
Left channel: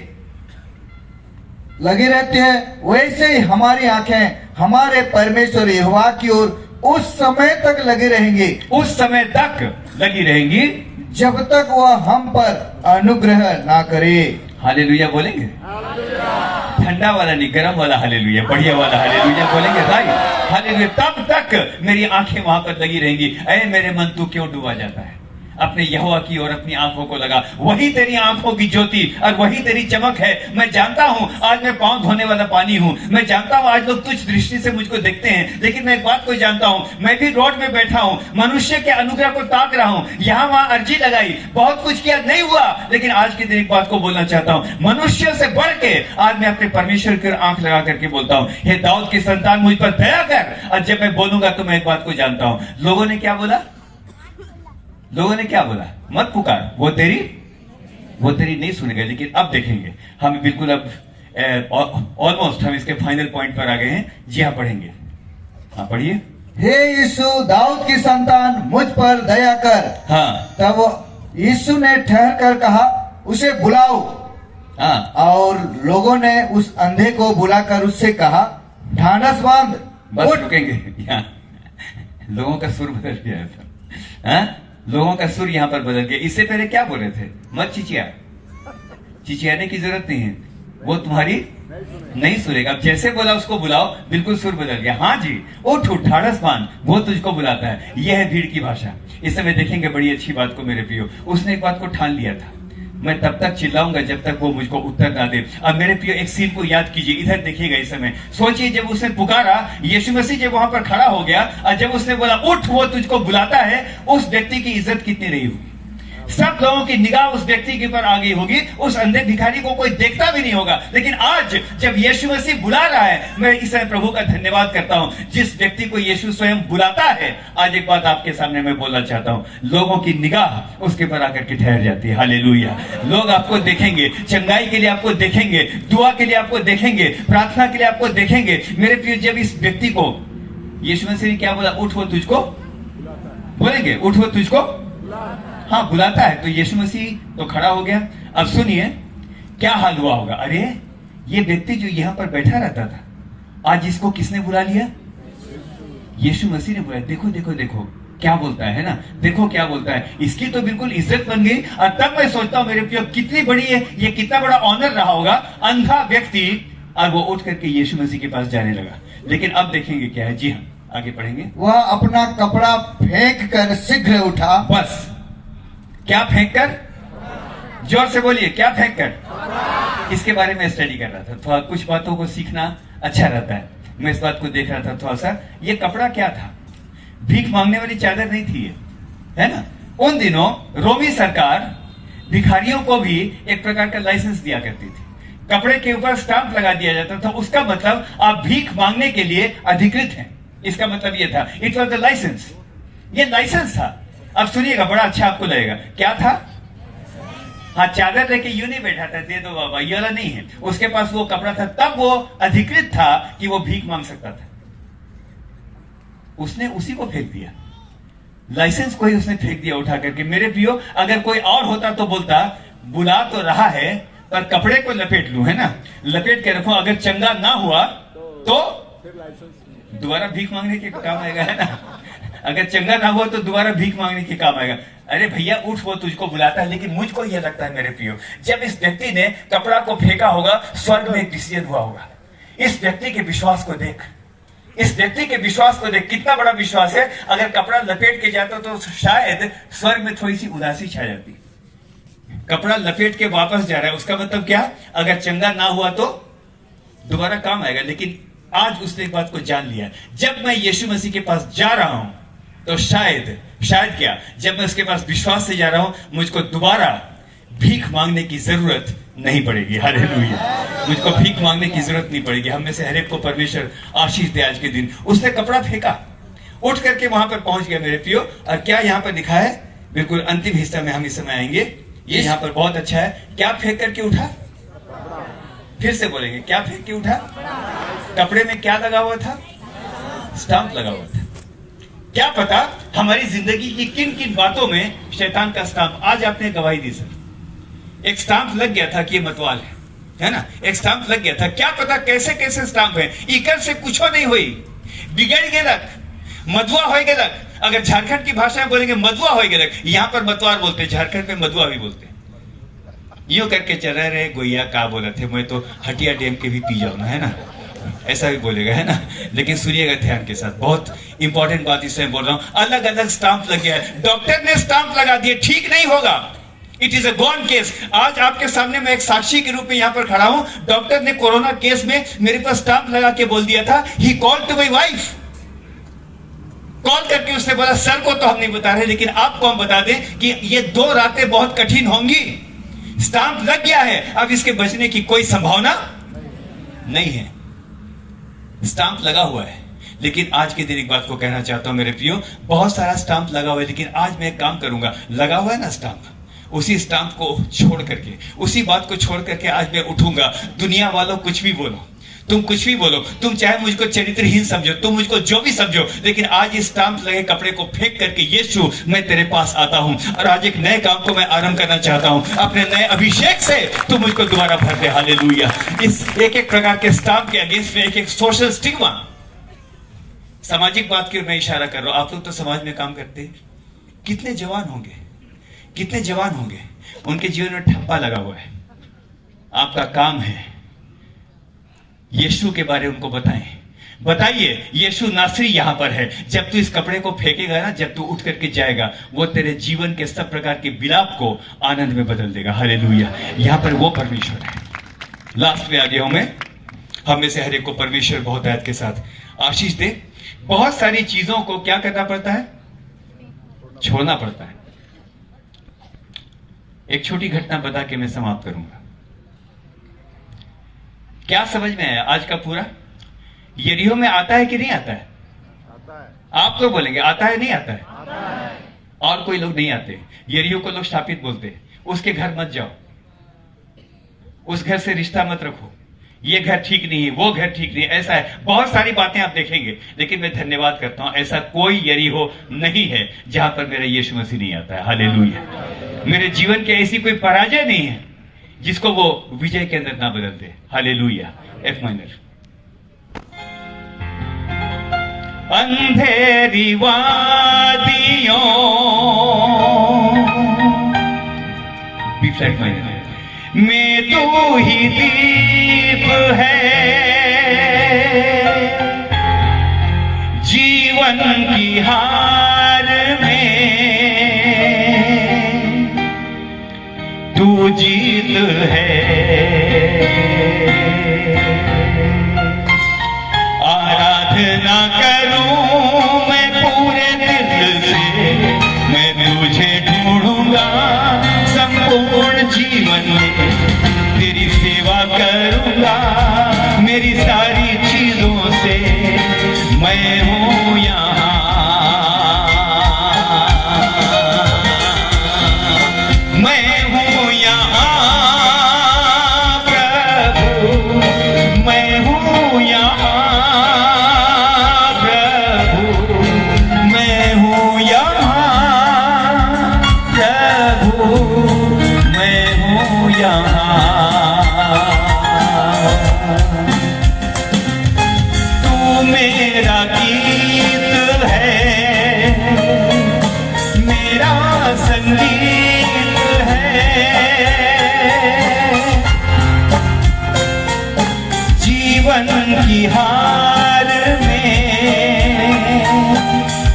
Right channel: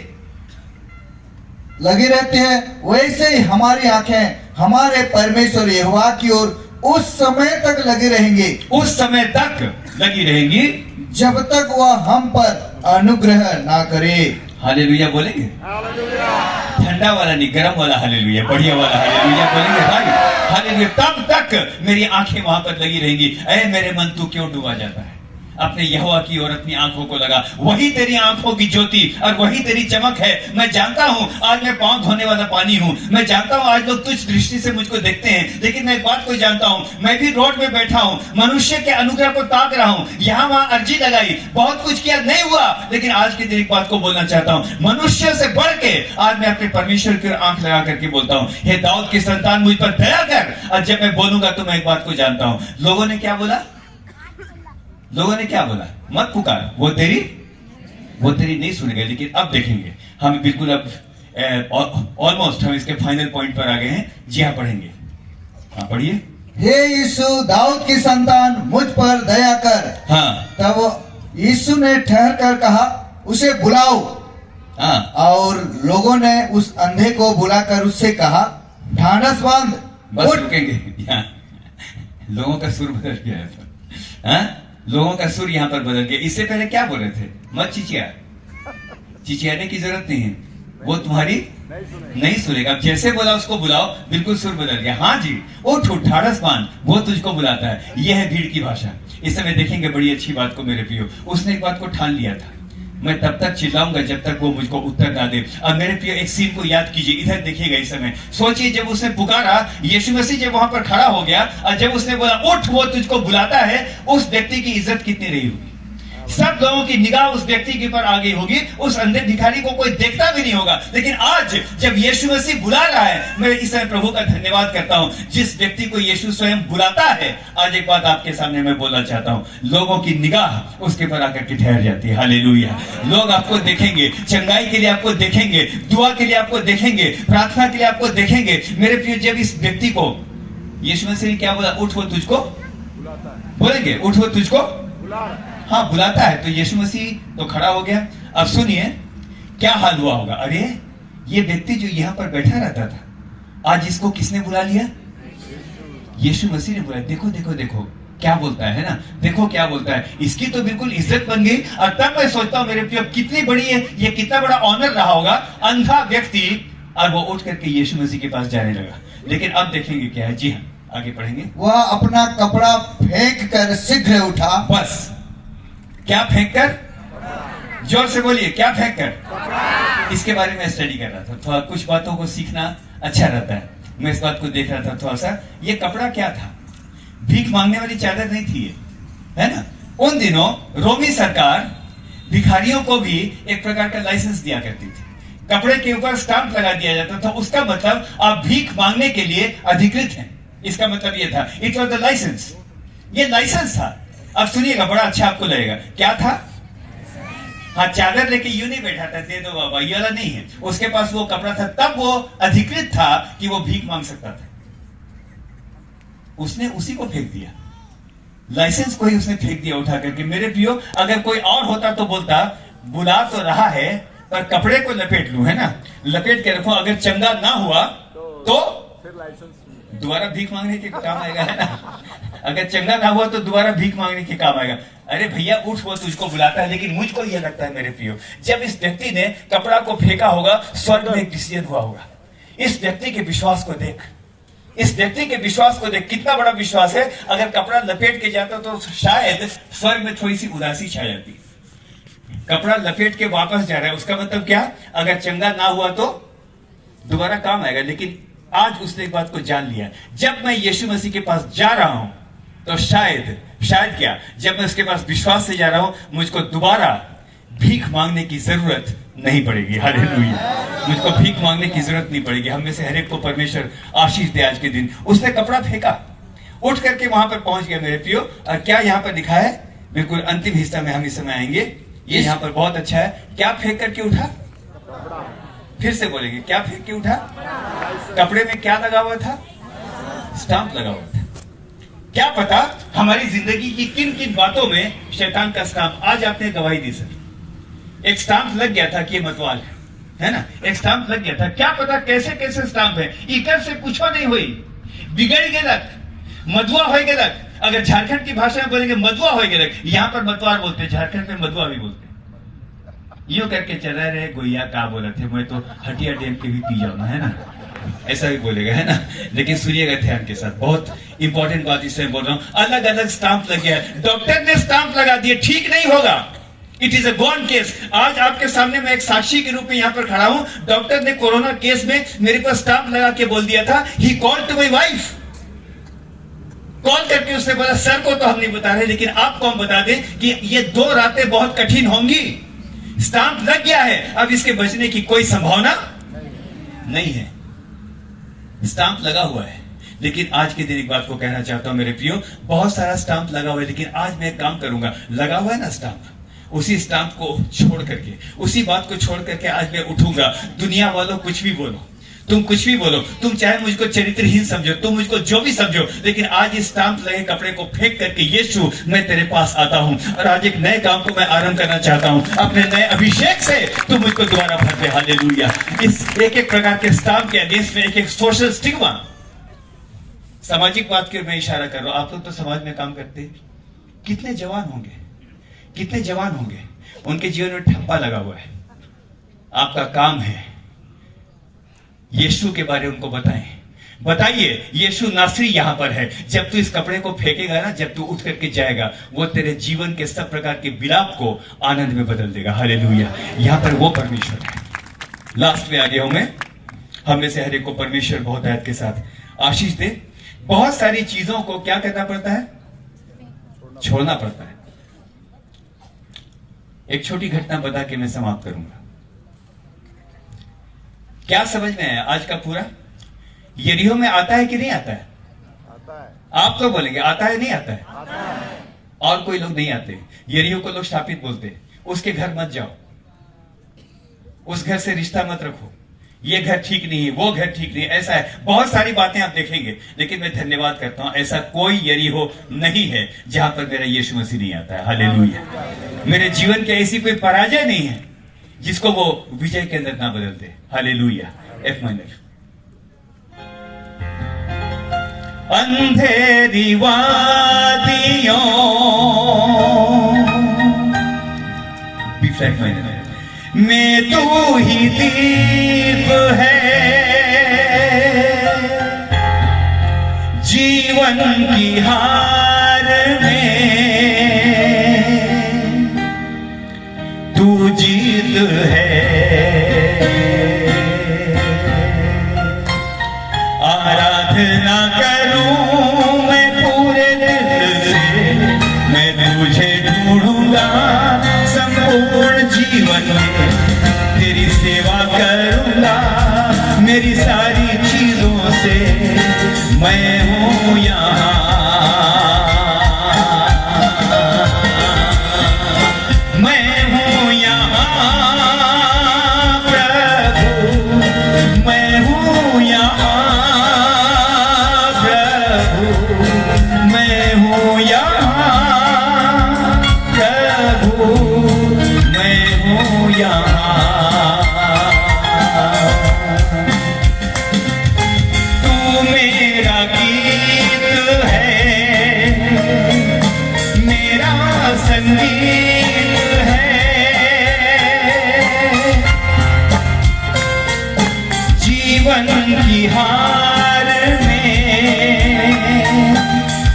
लगी रहती है, वैसे ही हमारी आंखें हमारे परमेश्वर यहोवा की ओर उस समय तक लगी रहेंगी, उस समय तक लगी रहेंगी जब तक वह हम पर अनुग्रह ना करे। हालेलुया बोलेंगे, ठंडा वाला नहीं, गर्म वाला हालेलुया, बढ़िया वाला हालेलुया बोलेंगे भाई। हालेलुया, तब तक मेरी आंखें वहां पर लगी रहेंगी। ऐ मेरे मन, तू क्यों डूबा जाता है? अपने यहोवा की ओर अपनी आंखों को लगा, वही तेरी आंखों की ज्योति और वही तेरी चमक है। मैं जानता हूं आज मैं पांव धोने वाला पानी हूं, मैं जानता हूं आज लोग तुच्छ दृष्टि से मुझको देखते हैं, लेकिन मैं एक बात को जानता हूं, मैं भी रोड में बैठा हूं, मनुष्य के अनुग्रह को ताक रहा हूं, यहां वहां अर्जी लगाई, बहुत कुछ किया, नहीं हुआ, लेकिन आज के दिन एक बात को बोलना चाहता हूं, मनुष्य से बढ़ के आज मैं अपने परमेश्वर की ओर आंख लगा करके बोलता हूं, हे दाऊद की संतान मुझ पर दया कर। और जब मैं बोलूंगा तो मैं एक बात को जानता हूं, लोगों ने क्या बोला? लोगों ने क्या बोला? मत पुकार, वो तेरी नहीं सुनेगा। लेकिन अब देखेंगे हम, बिल्कुल अब ऑलमोस्ट हम इसके फाइनल पॉइंट पर आ गए हैं। जी हाँ, पढ़ेंगे। हाँ, पढ़िए। हे यीशु, दाऊद की संतान, मुझ पर दया कर। हाँ। तब यीशु ने ठहर कर कहा, उसे बुलाओ। हाँ। और लोगों ने उस अंधे को बुलाकर उससे कहा, ढांढस बांध, बस उठ। रुकेंगे यहाँ। लोगों का सुर बदल गया है। हाँ? लोगों का सुर यहाँ पर बदल गया। इससे पहले क्या बोल रहे थे? मत चिचिया। चिचियाने की जरूरत नहीं है, वो तुम्हारी नहीं सुनेगा। अब जैसे बोला उसको बुलाओ, बिल्कुल सुर बदल गया। हाँ जी, उठ उठ, ढाढ़स बांध, वो तुझको बुलाता है। यह है भीड़ की भाषा। इस समय देखेंगे बड़ी अच्छी बात को मेरे प्रियो। उसने एक बात को ठान लिया था, मैं तब तक चिल्लाऊंगा जब तक वो मुझको उत्तर ना दे। अब मेरे प्रियो एक सीन को याद कीजिए, इधर देखिएगा इस समय। सोचिए, जब उसने पुकारा, यीशु मसीह जब वहां पर खड़ा हो गया और जब उसने बोला उठ, वो तुझको बुलाता है, उस व्यक्ति की इज्जत कितनी रही होगी? सब लोगों की निगाह उस व्यक्ति के ऊपर आ गई होगी। उस अंधे भिखारी को कोई देखता भी नहीं होगा। लेकिन आज जब यीशु मसीह बुला रहा है, मैं इस समय प्रभु का धन्यवाद करता हूं, जिस व्यक्ति को यीशु स्वयं बुलाता है। आज एक बात आपके सामने मैं बोलना चाहता हूं, लोगों की निगाह उसके पर आकर के ठहर जाती है। हालेलुया। लोग आपको देखेंगे, चंगाई के लिए आपको देखेंगे, दुआ के लिए आपको देखेंगे, प्रार्थना के लिए आपको देखेंगे। मेरे प्रिय, जब इस व्यक्ति को यीशु मसीह ने क्या बोला? उठ, वो तुझको बोलेंगे, उठ, वो तुझको हाँ बुलाता है। तो यीशु मसीह तो खड़ा हो गया। अब सुनिए क्या हाल हुआ होगा। अरे, ये व्यक्ति जो यहां पर बैठा रहता था, आज इसको किसने बुला लिया? यीशु मसीह ने बुलाया। देखो देखो देखो क्या बोलता है ना, देखो क्या बोलता है। इसकी तो बिल्कुल इज्जत बन गई। और तब मैं सोचता हूं मेरे प्रिय, कितनी बड़ी है ये, कितना बड़ा ऑनर रहा होगा। अंधा व्यक्ति, और वो उठ करके यीशु मसीह के पास जाने लगा। लेकिन अब देखेंगे क्या है। जी हाँ, आगे पढ़ेंगे। वह अपना कपड़ा फेंक कर शीघ्र उठा। बस, क्या फेंक कर? जोर से बोलिए, क्या फेंक कर? इसके बारे में स्टडी कर रहा था। थोड़ा कुछ बातों को सीखना अच्छा रहता है। मैं इस बात को देख रहा था थोड़ा सा। ये कपड़ा क्या था? भीख मांगने वाली चादर नहीं थी ये, है ना। उन दिनों रोमी सरकार भिखारियों को भी एक प्रकार का लाइसेंस दिया करती थी। कपड़े के ऊपर स्टाम्प लगा दिया जाता था। उसका मतलब आप भीख मांगने के लिए अधिकृत हैं, इसका मतलब ये था। It was the license. ये लाइसेंस था। अब सुनिएगा, बड़ा अच्छा आपको लगेगा। क्या था? हाँ, चादर लेके यूं नहीं बैठा था, दे दो बाबा, ये वाला नहीं है। उसके पास वो कपड़ा था, तब वो अधिकृत था कि वो भीख मांग सकता था। उसने उसी को फेंक दिया, लाइसेंस को ही उसने फेंक दिया उठा करके। मेरे प्रियो, अगर कोई और होता तो बोलता, बुला तो रहा है पर कपड़े को लपेट लूं, है ना, लपेट के रखो, अगर चंगा ना हुआ तो दोबारा भीख मांगने के काम आएगा, है ना। अगर चंगा ना हुआ तो दोबारा भीख मांगने के काम आएगा। अरे भैया उठ, वो तुझको बुलाता है। लेकिन मुझको यह लगता है मेरे प्रियो, जब इस व्यक्ति ने कपड़ा को फेंका होगा, स्वर्ग में एक डिसीजन हुआ होगा। इस व्यक्ति के विश्वास को देख, इस व्यक्ति के विश्वास को देख, कितना बड़ा विश्वास है। अगर कपड़ा लपेट के जाता तो शायद स्वर्ग में थोड़ी सी उदासी छा जाती। कपड़ा लपेट के वापस जा रहा है, उसका मतलब क्या? अगर चंगा ना हुआ तो दोबारा काम आएगा। लेकिन आज उसने एक बात को जान लिया, जब मैं यीशु मसीह के पास जा रहा हूं तो शायद क्या, जब मैं उसके पास विश्वास से जा रहा हूं, मुझको दोबारा भीख मांगने की जरूरत नहीं पड़ेगी। हालेलुया। मुझको भीख मांगने की जरूरत नहीं पड़ेगी। हम में से हर एक को परमेश्वर आशीष दे आज के दिन। उसने कपड़ा फेंका, उठ करके वहां पर पहुंच गया मेरे प्रियो। और क्या यहां पर लिखा है? बिल्कुल अंतिम हिस्सा में हम इस समय आएंगे। ये यहां पर बहुत अच्छा है। क्या फेंक करके उठा? फिर से बोलेंगे, क्या फेंक के उठा? कपड़े में क्या लगा हुआ था? स्टाम्प लगा हुआ था। क्या पता हमारी जिंदगी की किन किन बातों में शैतान का स्टाम्प। आज आपने गवाही दी सर, एक स्टाम्प लग गया था कि ये मतवाल है ना, एक स्टाम्प लग गया था। क्या पता कैसे कैसे स्टाम्प है। इकर से कुछ नहीं हुई, बिगड़ गेलक, मधुआ हो गेलक। अगर झारखंड की भाषा में बोलेंगे मधुआ हो गेलक। यहां पर मतवार बोलते, झारखंड में मधुआ भी बोलते। यूं करके चला रहे गोइया का बोला थे, मैं तो हटिया डैम के भी पी जाऊं ना, है ना, ऐसा भी बोलेगा, है ना। लेकिन सुनिएगा ध्यान के साथ, बहुत इंपॉर्टेंट बात इसमें बोल रहा हूं। अलग अलग स्टाम्प लग गया है। डॉक्टर ने स्टाम्प लगा दिए, ठीक नहीं होगा। It is a gone case. आज आपके सामने मैं एक साक्षी के रूप में यहां पर खड़ा हूं। डॉक्टर ने कोरोना केस में मेरे पास स्टाम्प लगा के बोल दिया था, he called to my wife. Call करके उसने बोला, सर को तो हम नहीं बता रहे, लेकिन आपको हम बता दें कि ये 2 रातें बहुत कठिन होंगी। स्टाम्प लग गया है, अब इसके बचने की कोई संभावना नहीं है। स्टाम्प लगा हुआ है। लेकिन आज के दिन एक बात को कहना चाहता हूं मेरे प्रियो, बहुत सारा स्टाम्प लगा हुआ है, लेकिन आज मैं एक काम करूंगा। लगा हुआ है ना स्टाम्प, उसी स्टैंप को छोड़ करके, उसी बात को छोड़ करके आज मैं उठूंगा। दुनिया वालों कुछ भी बोलो, तुम कुछ भी बोलो, तुम चाहे मुझको चरित्रहीन समझो, तुम मुझको जो भी समझो, लेकिन आज इस स्टैंप लगे कपड़े को फेंक करके यीशु मैं तेरे पास आता हूं और आज एक नए काम को मैं आरंभ करना चाहता हूं। अपने नए अभिषेक से तुम मुझको दोबारा भर दे। हालेलुया। इस एक एक प्रकार के स्टैंप के अगेंस्ट में एक एक सोशल स्टिग्मा, सामाजिक बात की मैं इशारा कर रहा हूं। आप लोग तो समाज में काम करते हैं, कितने जवान होंगे, कितने जवान होंगे, उनके जीवन में ठप्पा लगा हुआ है। आपका काम है यीशु के बारे में उनको बताइए यीशु नासरी यहां पर है। जब तू इस कपड़े को फेंकेगा ना, जब तू उठ करके जाएगा, वो तेरे जीवन के सब प्रकार के विलाप को आनंद में बदल देगा। हालेलुया। यहां पर वो परमेश्वर है। लास्ट में आगे हूं मैं। हम में से हर एक को परमेश्वर बहुत दया के साथ आशीष दे। बहुत सारी चीजों को क्या करना पड़ता है? छोड़ना पड़ता है। एक छोटी घटना बता के मैं समाप्त करूंगा। क्या समझ में आया आज का पूरा? यरीहो में आता है कि नहीं आता है? आता है। आप लोग बोलेंगे आता है, नहीं आता है? आता है। और कोई लोग नहीं आते। यरीहो को लोग शापित बोलते हैं। उसके घर मत जाओ, उस घर से रिश्ता मत रखो, ये घर ठीक नहीं है, वो घर ठीक नहीं है, ऐसा है। बहुत सारी बातें आप देखेंगे, लेकिन मैं धन्यवाद करता हूं ऐसा कोई यरीहो नहीं है जहां पर मेरा यीशु मसीह नहीं आता है। हालेलुया। मेरे जीवन की ऐसी कोई पराजय नहीं है जिसको वो विजय के अंदर ना बदल दे। हालेलुया। F minor. अंधेरी वादियों, बी फ्लैट माइनर में तू ही दीप है, जीवन की हार में तू जीत है। आराधना करूं मैं पूरे दिल से, मैं तुझे ढूंढूंगा संपूर्ण जीवन में, तेरी सेवा करूंगा मेरी सारी चीजों से। मैं हूं यहाँ, मैं हूं यहाँ प्रभु, मैं हूं यहाँ प्रभु, मैं हूं यहाँ प्रभु, मैं हूं यहाँ। तू मेरा गीत है, मेरा संगीत है, जीवन की हार में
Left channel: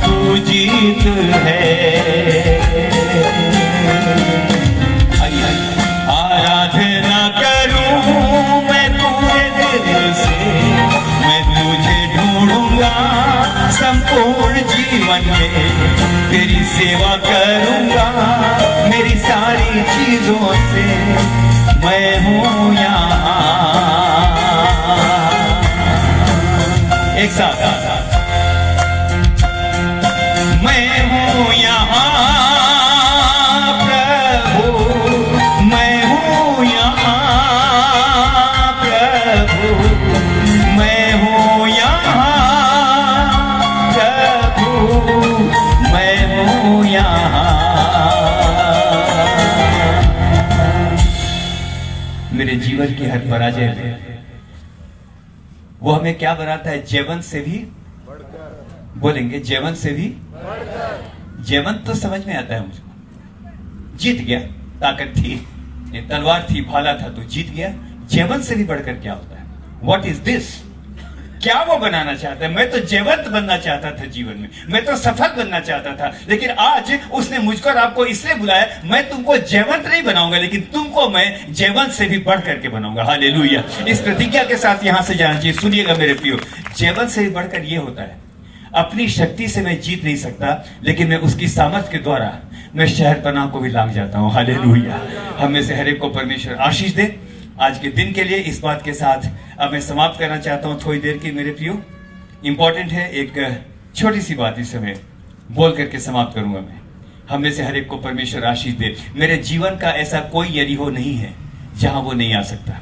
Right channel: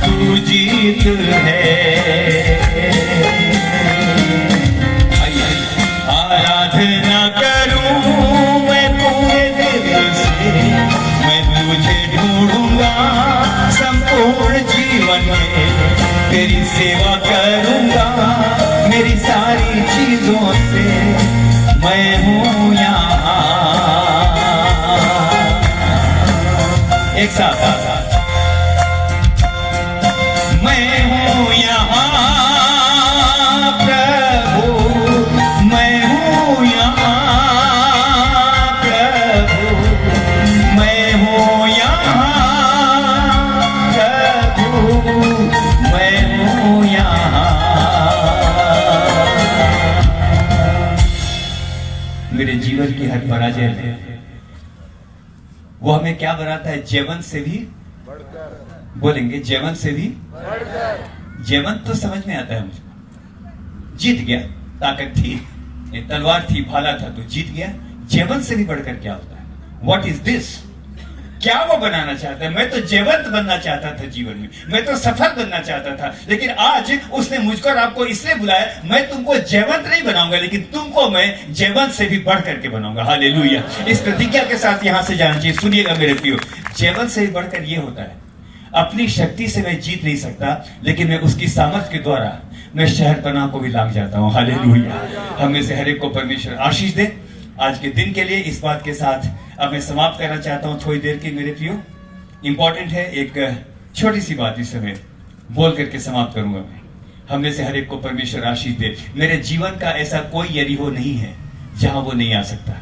तू जीत है। आराधना करूं मैं पूरे दिल से, मैं तुझे ढूंढूंगा संपूर्ण जीवन में, तेरी सेवा करूंगा मेरी सारी चीजों से। मैं हूं यहाँ। एक साथ मैं हूं यहाँ प्रभु, मैं हूं यहाँ प्रभु, मैं हूं यहाँ प्रभु, मैं हूं यहाँ। मेरे जीवन की हर पराजय में वो हमें क्या बनाता है? जयवंत से भी बोलेंगे, जयवंत से भी। जयवंत तो समझ में आता है मुझको, जीत गया, ताकत थी, ये तलवार थी, भाला था तो जीत गया। जयवंत से भी बढ़कर क्या होता है? What is this? क्या वो बनाना चाहता है? मैं तो जयवंत बनना चाहता था जीवन में, मैं तो सफल बनना चाहता था, लेकिन आज उसने मुझको और आपको इसलिए बुलाया, मैं तुमको जयवंत नहीं बनाऊंगा, लेकिन तुमको मैं जयवंत से भी बढ़ करके बनाऊंगा। हालेलुया। इस प्रतिज्ञा के साथ यहां से जाना चाहिए। सुनिएगा मेरे प्रियो, जयवंत से भी बढ़कर ये होता है, अपनी शक्ति से मैं जीत नहीं सकता, लेकिन मैं उसकी सामर्थ्य के द्वारा मैं शहरपनाह को भी लांघ जाता हूं। हालेलुया। हम में से हर एक को परमेश्वर आशीष दे। आज के दिन के लिए इस बात के साथ अब मैं समाप्त करना चाहता हूं थोड़ी देर की मेरे प्रियो। इंपॉर्टेंट है, एक छोटी सी बात इस समय बोल करके समाप्त करूंगा मैं हम में से हर एक को परमेश्वर आशीष दे। मेरे जीवन का ऐसा कोई यरीहो नहीं है जहां वो नहीं आ सकता।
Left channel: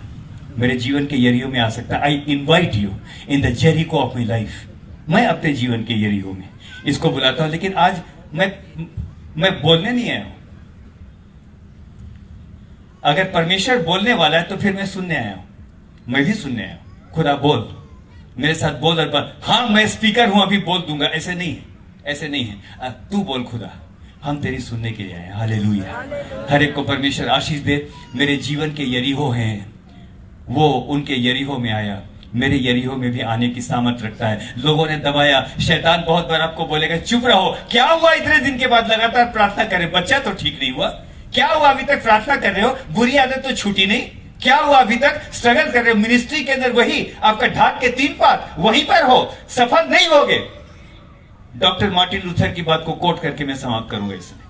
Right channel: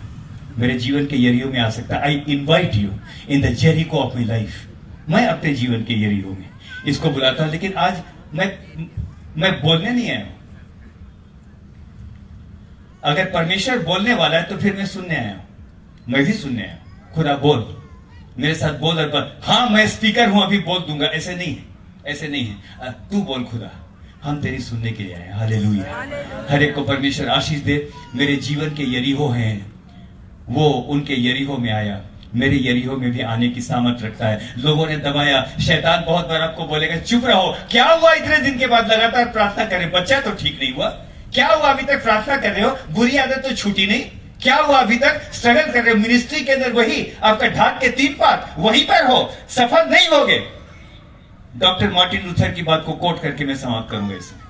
मेरे जीवन के यरीहो में आ सकता। I invite you in the Jericho of my life. मैं अपने जीवन के यरीहो में इसको बुलाता हूं। लेकिन आज मैं बोलने नहीं आया। अगर परमेश्वर बोलने वाला है तो फिर मैं सुनने आया हूं। मैं भी सुनने आया हूं। खुदा बोल, मेरे साथ बोल और बोल। हाँ मैं स्पीकर हूं, अभी बोल दूंगा, ऐसे नहीं है, ऐसे नहीं है। तू बोल खुदा, हम तेरी सुनने के लिए आए। हालेलुया। हर एक को परमेश्वर आशीष दे। मेरे जीवन के यरीहो हैं, वो उनके यरीहो में आया। मेरे यरीहो में भी आने की सामर्थ रखता है। लोगों ने दबाया। शैतान बहुत बार आपको बोलेगा चुप रहो, क्या हुआ इतने दिन के बाद लगातार प्रार्थना करें, बच्चा तो ठीक नहीं हुआ, क्या हुआ अभी तक प्रार्थना कर रहे हो, बुरी आदत तो छूटी नहीं, क्या हुआ अभी तक स्ट्रगल कर रहे हो, मिनिस्ट्री के अंदर वही आपका ढाक के 3 पात वहीं पर हो, सफल नहीं होगे। डॉक्टर मार्टिन लूथर की बात को कोट करके मैं समाप्त करूंगा। इसमें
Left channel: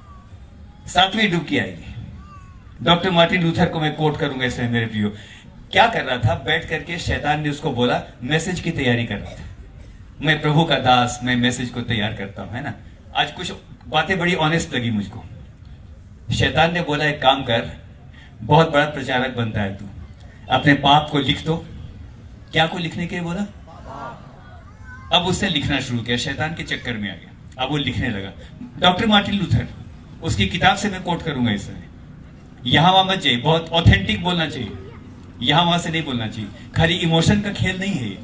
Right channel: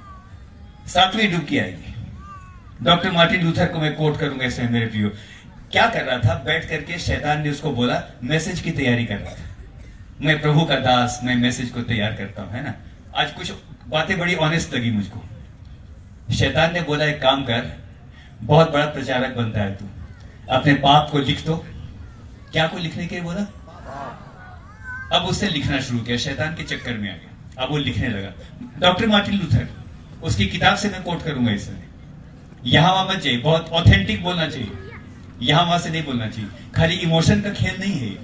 7वीं डुबकी आएगी। डॉक्टर मार्टिन लूथर को मैं कोट करूंगा इसमें। मेरे प्रियो, क्या कर रहा था, बैठ करके शैतान ने उसको बोला, मैसेज की तैयारी कर रहा था। मैं प्रभु का दास, मैं मैसेज को तैयार करता हूं, है ना। आज कुछ बातें बड़ी ऑनेस्ट लगी मुझको। शैतान ने बोला एक काम कर, बहुत बड़ा प्रचारक बनता है तू, अपने पाप को लिख दो। क्या को लिखने के लिए बोला? अब उससे लिखना शुरू किया, शैतान के चक्कर में आ गया। अब वो लिखने लगा। डॉक्टर मार्टिन लूथर, उसकी किताब से मैं कोट करूंगा इसमें। यहां वहां मत जाइए, बहुत ऑथेंटिक बोलना चाहिए, यहां वहां से नहीं बोलना चाहिए। खाली इमोशन का खेल नहीं है ये।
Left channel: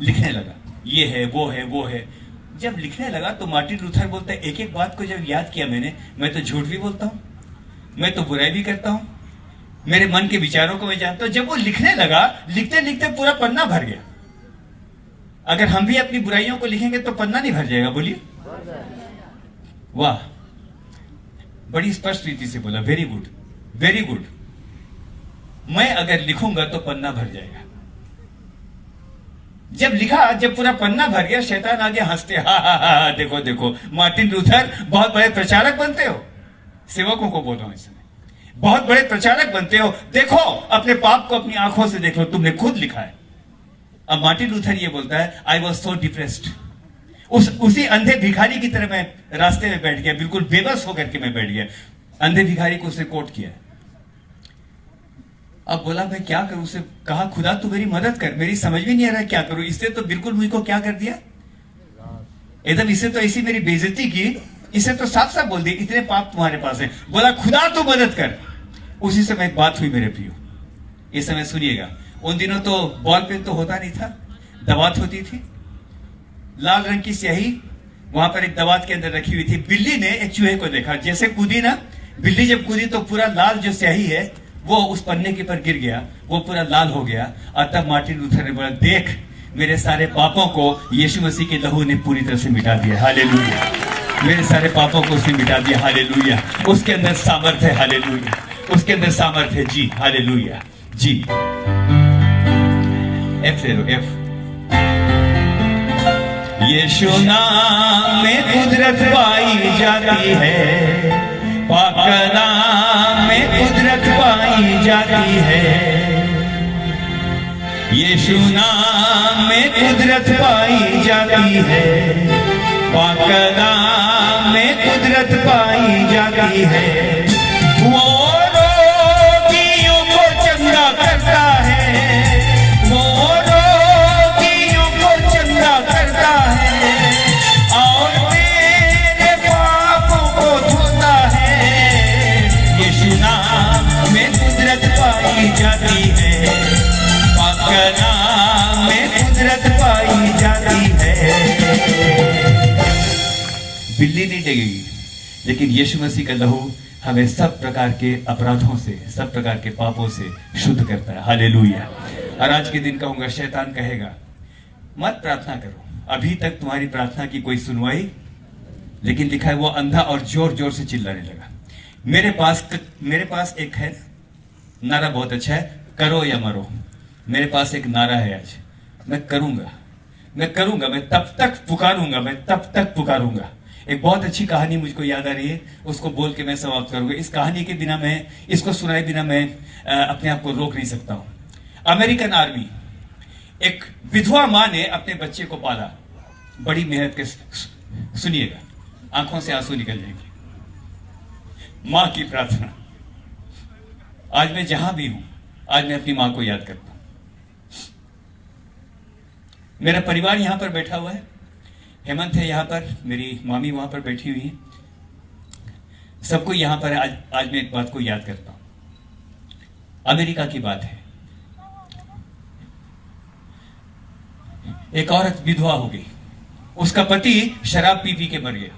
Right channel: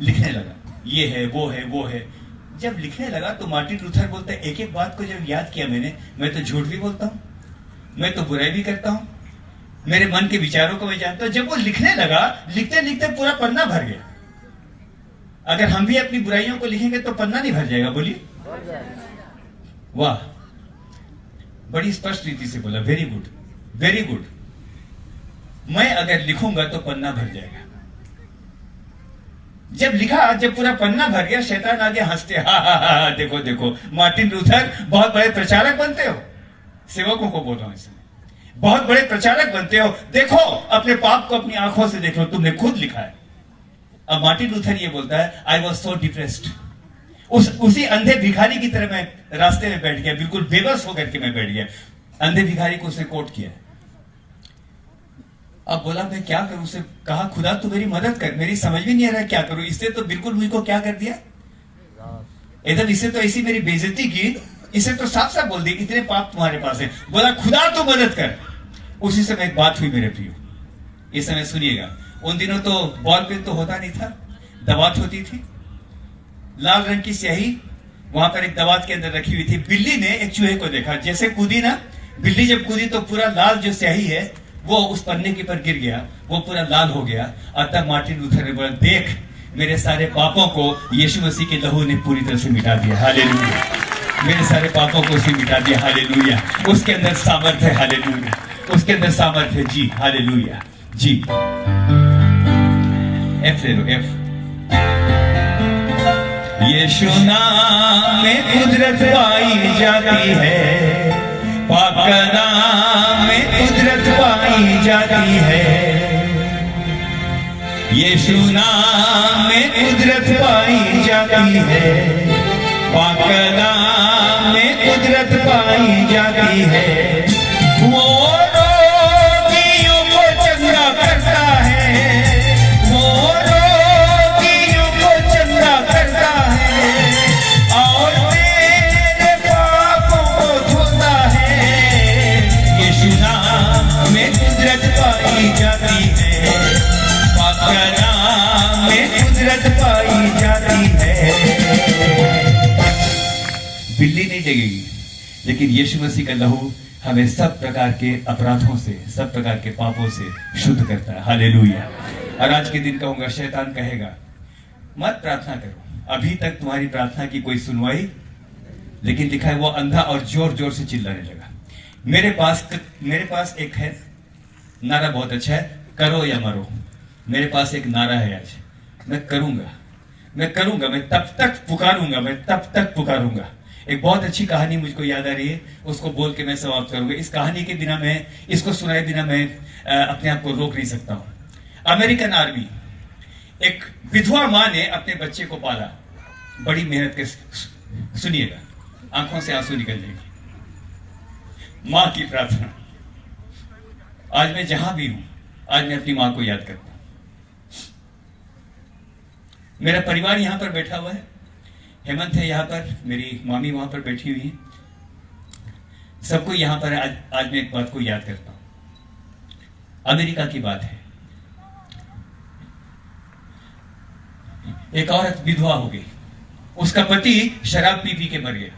लिखने लगा, ये है वो है वो है। जब लिखने लगा तो मार्टिन लूथर बोलते हैं, एक एक बात को जब याद किया मैंने, मैं तो झूठ भी बोलता हूं, मैं तो बुराई भी करता हूं, मेरे मन के विचारों को मैं जानता हूं। जब वो लिखने लगा, लिखते लिखते पूरा पन्ना भर गया। अगर हम भी अपनी बुराइयों को लिखेंगे तो पन्ना नहीं भर जाएगा, बोलिए। वाह, बड़ी स्पष्ट रीति से बोला, वेरी गुड, वेरी गुड। मैं अगर लिखूंगा तो पन्ना भर जाएगा। जब लिखा, जब पूरा पन्ना भर गया, शैतान आगे हंसते, हा हा हा, देखो देखो मार्टिन लूथर बहुत बड़े प्रचारक बनते हो। सेवकों को बोल रहा हूं इसमें, बहुत बड़े प्रचारक बनते हो, देखो अपने पाप को अपनी आंखों से देखो, तुमने खुद लिखा है। अब मार्टिन लूथर ये बोलता है, आई वॉज सो डिप्रेस्ड। उसी अंधे भिखारी की तरह मैं रास्ते में बैठ गया, बिल्कुल बेबस होकर के मैं बैठ गया। अंधे भिखारी को उसने कोट किया। अब बोला मैं क्या करूं, उसे कहा खुदा तू मेरी मदद कर, मेरी समझ में नहीं आ रहा क्या करूं। इसने तो बिल्कुल मुझको क्या कर दिया, एकदम इससे तो ऐसी मेरी बेइज्जती की, इसे तो साफ साफ बोल दिया इतने पाप तुम्हारे पास है। बोला खुदा तू मदद कर। उसी समय एक बात हुई मेरे प्रियो, इस समय सुनिएगा। उन दिनों तो बॉल पेन तो होता नहीं था, दवात होती थी, लाल रंग की स्याही वहां पर एक दवात के अंदर रखी हुई थी। बिल्ली ने एक चूहे को देखा, जैसे कूदी ना, बिल्ली जब कूदी तो पूरा लाल जो स्याही है वो उस पन्ने के पर गिर गया, वो पूरा लाल हो गया। और तब मार्टिन लूथर ने बोला, देख मेरे सारे पापों को यीशु मसीह के लहू ने पूरी तरह से मिटा दिया। हालेलुया। मेरे सारे पापों को उसने मिटा दिया। हालेलुया। उसके अंदर सामर्थ्य है। हालेलुया। उसके अंदर सामर्थ्य है। जी हालेलुया। जी एफ ले लो, एफ। यीशु नाम में कुदरत पाई जाती है, पाक नाम में कुदरत पाई जाती है। यीशु नाम में कुदरत पाई जाती है, पाक नाम में कुदरत पाई जाती है। वो रोगियों को चंगा करता है, वो रोगियों को चंगा करता है, और मेरे पापों को धुलता है। यीशु नाम में कुदरत पाई जाती है, पाक नाम में कुदरत पाई जाती है। बिल्ली नहीं लगेगी, लेकिन यीशु मसीह का लहू हमें सब प्रकार के अपराधों से, सब प्रकार के पापों से शुद्ध करता है। हालेलुया। और आज के दिन कहूंगा, शैतान कहेगा मत प्रार्थना करो, अभी तक तुम्हारी प्रार्थना की कोई सुनवाई, लेकिन लिखा है वो अंधा और जोर जोर से चिल्लाने लगा। मेरे पास एक है नारा, बहुत अच्छा है, करो या मरो। मेरे पास एक नारा है आज, मैं करूंगा, मैं करूंगा, मैं तब तक पुकारूंगा, मैं तब तक पुकारूंगा। एक बहुत अच्छी कहानी मुझको याद आ रही है, उसको बोल के मैं समाप्त करूंगा। इस कहानी के बिना मैं, इसको सुनाए बिना मैं अपने आप को रोक नहीं सकता हूं। अमेरिकन आर्मी, एक विधवा मां ने अपने बच्चे को पाला, बड़ी मेहनत के, सुनिएगा, आंखों से आंसू निकल जाएंगे। मां की प्रार्थना। आज मैं जहां भी हूं, आज मैं अपनी मां को याद करता हूं। मेरा परिवार यहां पर बैठा हुआ है, हेमंत है यहां पर, मेरी मामी वहां पर बैठी हुई है, सबको यहां पर आज मैं एक बात को याद करता हूं। अमेरिका की बात है, एक औरत विधवा हो गई, उसका पति शराब पी पी के मर गया,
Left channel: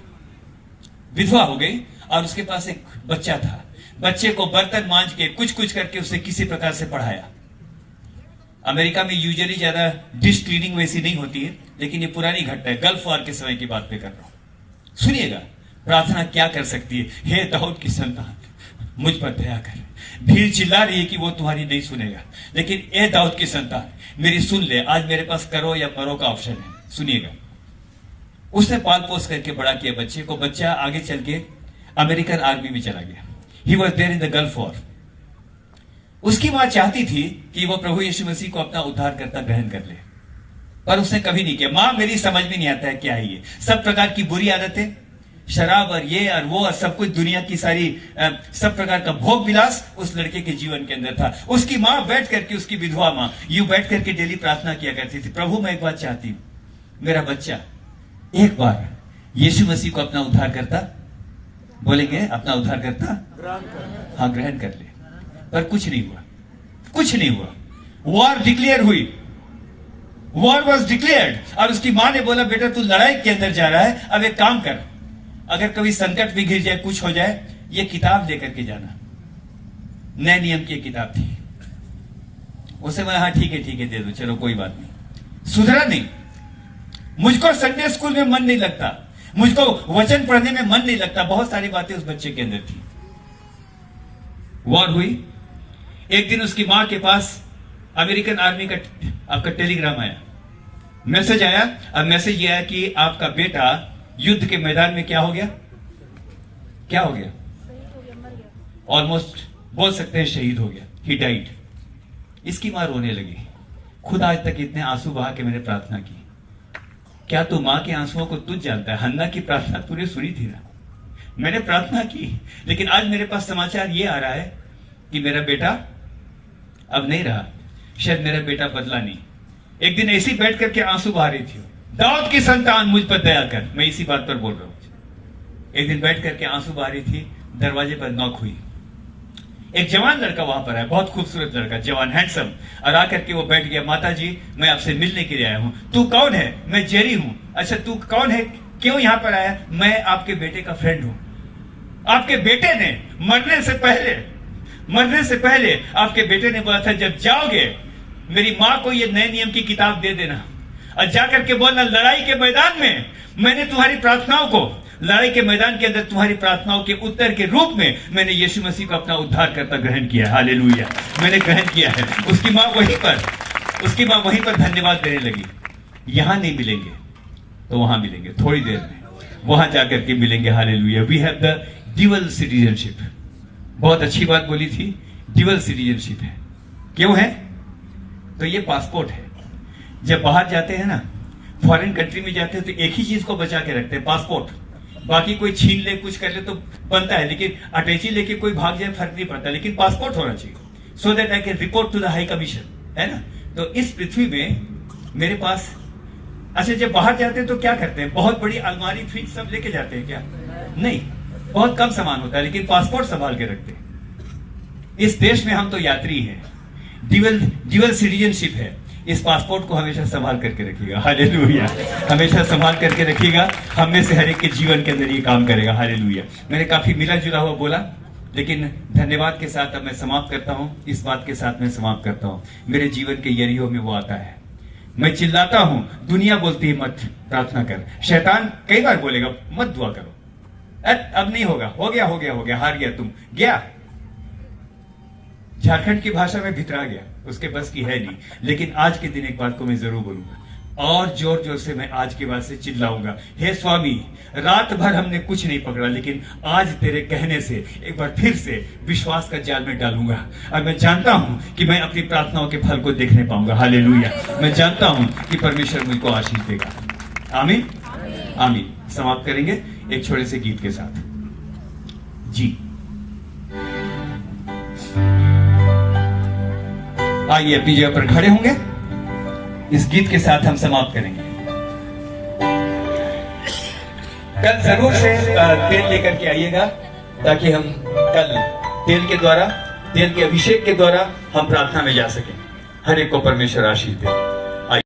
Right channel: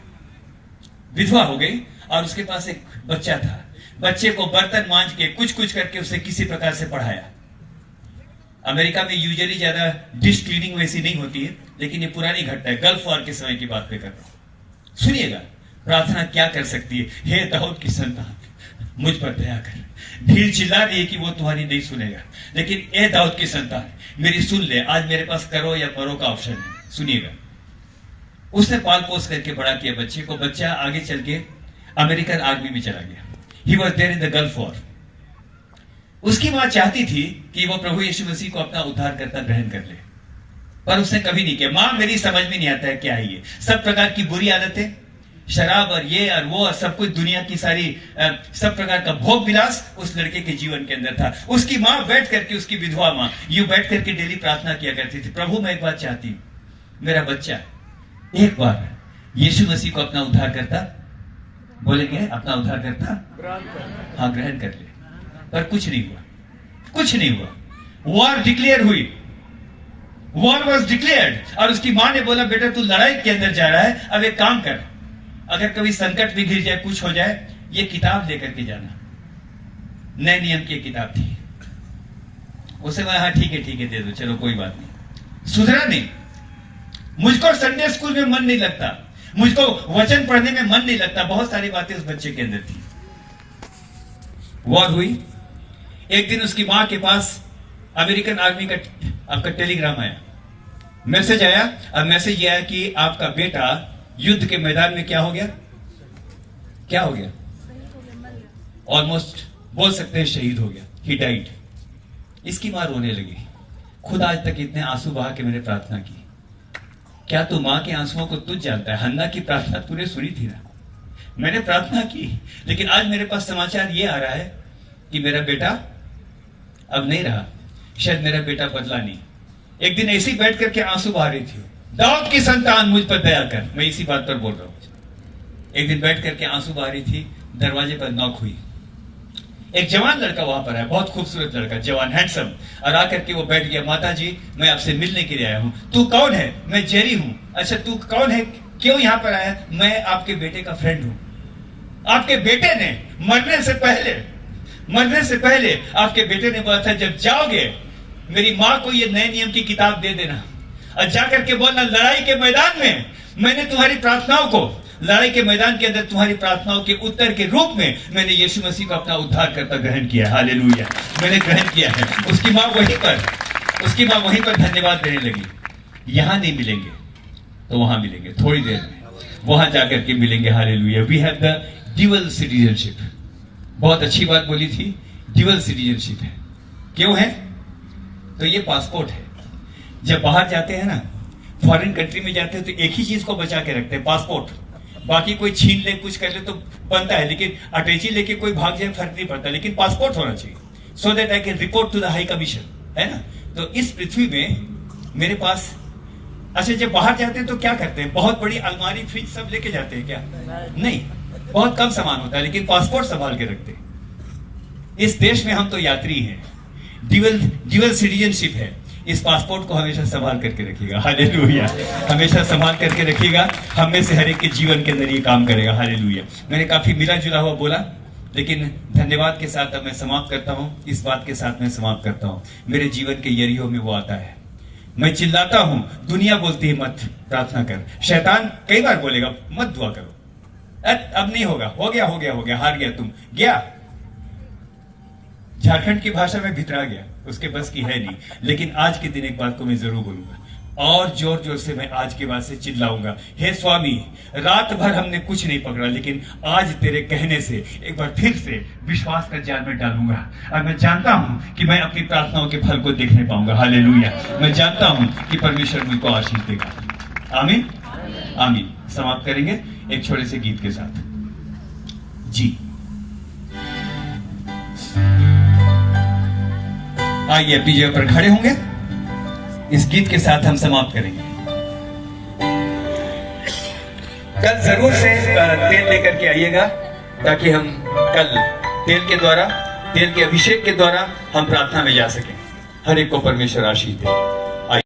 विधवा हो गई और उसके पास एक बच्चा था। बच्चे को बर्तन मांज के कुछ कुछ करके उसे किसी प्रकार से पढ़ाया। अमेरिका में यूजुअली ज्यादा डिश क्लीनिंग वैसी नहीं होती है, लेकिन ये पुरानी घटना है, गल्फ वॉर के समय की बात पे कर रहा हूं। सुनिएगा प्रार्थना क्या कर सकती है। हे दाऊद की संतान, मुझ पर दया कर। भीड़ चिल्ला रही है कि वो तुम्हारी नहीं सुनेगा, लेकिन ए दाऊद की संतान मेरी सुन ले। आज मेरे पास करो या मरो का ऑप्शन है, सुनिएगा। उसने पाल पोस करके बड़ा किया बच्चे को। बच्चा आगे चल के अमेरिकन आर्मी में चला गया। He was there in the Gulf war. उसकी मां चाहती थी कि वो प्रभु यीशु मसीह को अपना उद्धारकर्ता ग्रहण कर ले, पर उसने कभी नहीं किया। मां मेरी समझ में नहीं आता है क्या है ये सब प्रकार की बुरी आदतें, शराब और ये और वो और सब कुछ, दुनिया की सारी सब प्रकार का भोग विलास उस लड़के के जीवन के अंदर था। उसकी मां बैठ करके, उसकी विधवा मां यूं बैठ करके डेली प्रार्थना किया करती थी, प्रभु मैं एक बात चाहती हूं, मेरा बच्चा एक बार यीशु मसीह को अपना उद्धार करता, बोलेंगे अपना उद्धार करता, हाँ ग्रहण कर ले। पर कुछ नहीं हुआ, कुछ नहीं हुआ। वॉर डिक्लेयर हुई, वॉर वॉज डिक्लेयर्ड। और उसकी मां ने बोला बेटा तू लड़ाई के अंदर जा रहा है, अब एक काम कर, अगर कभी संकट भी घिर जाए, कुछ हो जाए, ये किताब लेकर के जाना। नए नियम की किताब थी। उसे बोला हाँ ठीक है दे दो, चलो कोई बात नहीं। सुधरा नहीं। मुझको संडे स्कूल में मन नहीं लगता, मुझको वचन पढ़ने में मन नहीं लगता। बहुत सारी बातें उस बच्चे के अंदर थी। वॉर हुई। एक दिन उसकी मां के पास अमेरिकन आर्मी का आपका टेलीग्राम आया, मैसेज आया। अब मैसेज यह आया कि आपका बेटा युद्ध के मैदान में क्या हो गया, क्या हो गया, ऑलमोस्ट बोल सकते हैं शहीद हो गया, ही डाइड। इसकी मां रोने लगी। खुद आज तक इतने आंसू बहा के मैंने प्रार्थना की। क्या तू मां के आंसुओं को तुझ जानता है? हन्ना की प्रार्थना तूने सुनी थी ना, मैंने प्रार्थना की, लेकिन आज मेरे पास समाचार ये आ रहा है कि मेरा बेटा अब नहीं रहा, शायद मेरा बेटा बदला नहीं। एक दिन ऐसी बैठ करके आंसू बहा रही थी, दाऊद की संतान मुझ पर दया कर, मैं इसी बात पर बोल रहा हूं। एक दिन बैठ करके आंसू बहा रही थी, दरवाजे पर नॉक हुई। एक जवान लड़का वहां पर आया, बहुत खूबसूरत लड़का, जवान, हैंडसम, और आकर के वो बैठ गया। माता जी मैं आपसे मिलने के लिए आया हूं। तू कौन है? मैं जेरी हूं। अच्छा तू कौन है, क्यों यहां पर आया? मैं आपके बेटे का फ्रेंड हूं। आपके बेटे ने मरने से पहले आपके बेटे ने बोला था जब जाओगे मेरी मां को ये नए नियम की किताब दे देना और जाकर के बोलना लड़ाई के मैदान में मैंने तुम्हारी प्रार्थनाओं को, लड़ाई के मैदान के अंदर तुम्हारी प्रार्थनाओं के उत्तर के रूप में मैंने यीशु मसीह को अपना उद्धार करता ग्रहण किया। हालेलुया, मैंने ग्रहण किया है। उसकी मां वहीं पर धन्यवाद देने लगी। यहां नहीं मिलेंगे तो वहां मिलेंगे, थोड़ी देर में वहां जाकर के मिलेंगे। Hallelujah. We have the dual citizenship. बहुत अच्छी बात बोली थी, ड्यूअल सिटीजनशिप है। क्यों है? तो ये पासपोर्ट है। जब बाहर जाते हैं ना, फॉरेन कंट्री में जाते हैं तो एक ही चीज को बचा के रखते हैं, पासपोर्ट। बाकी कोई छीन ले, कुछ कर ले तो बनता है, लेकिन अटैची लेके कोई भाग जाए फर्क नहीं पड़ता, लेकिन पासपोर्ट होना चाहिए, so that I can report to the high commission, है ना। तो इस पृथ्वी में मेरे पास, अच्छा जब बाहर जाते हैं तो क्या करते हैं? बहुत बड़ी अलमारी, फ्रिज सब लेके जाते हैं क्या? नहीं, बहुत कम सामान होता है, लेकिन पासपोर्ट संभाल के रखते हैं। इस देश में हम तो यात्री हैं, ड्यूअल सिटीजनशिप है। इस पासपोर्ट को हमेशा संभाल करके रखिएगा। हालेलुया, हमेशा संभाल करके रखिएगा। हम में से हर एक के जीवन के अंदर ये काम करेगा। हालेलुया। मैंने काफी मिला जुला हुआ बोला, लेकिन धन्यवाद के साथ अब मैं समाप्त करता हूं। इस बात के साथ मैं समाप्त करता हूं, मेरे जीवन के यरीहो में वो आता है। मैं चिल्लाता हूं, दुनिया बोलती है मत प्रार्थना कर, शैतान कई बार बोलेगा मत दुआ करो, अब नहीं होगा, हो गया, हार गया, तुम गया। झारखंड की भाषा में भितरा गया, उसके बस की है नहीं। लेकिन आज के दिन एक बात को मैं जरूर बोलूंगा, और जोर जोर से मैं आज के बाद से चिल्लाऊंगा, हे स्वामी रात भर हमने कुछ नहीं पकड़ा, लेकिन आज तेरे कहने से एक बार फिर से विश्वास का जाल में डालूंगा। और मैं जानता हूं कि मैं अपनी प्रार्थनाओं के फल को देखने पाऊंगा। हालेलुया। मैं जानता हूं कि परमेश्वर मुझको आशीष देगा। आमीन, आमीन। समाप्त करेंगे एक छोटे से गीत के साथ। जी आइए अपनी जगह पर खड़े होंगे, इस गीत के साथ हम समाप्त करेंगे। कल जरूर से तेल लेकर के आइएगा, ताकि हम कल तेल के अभिषेक के द्वारा हम प्रार्थना में जा सकें। हर एक को परमेश्वर आशीष दे।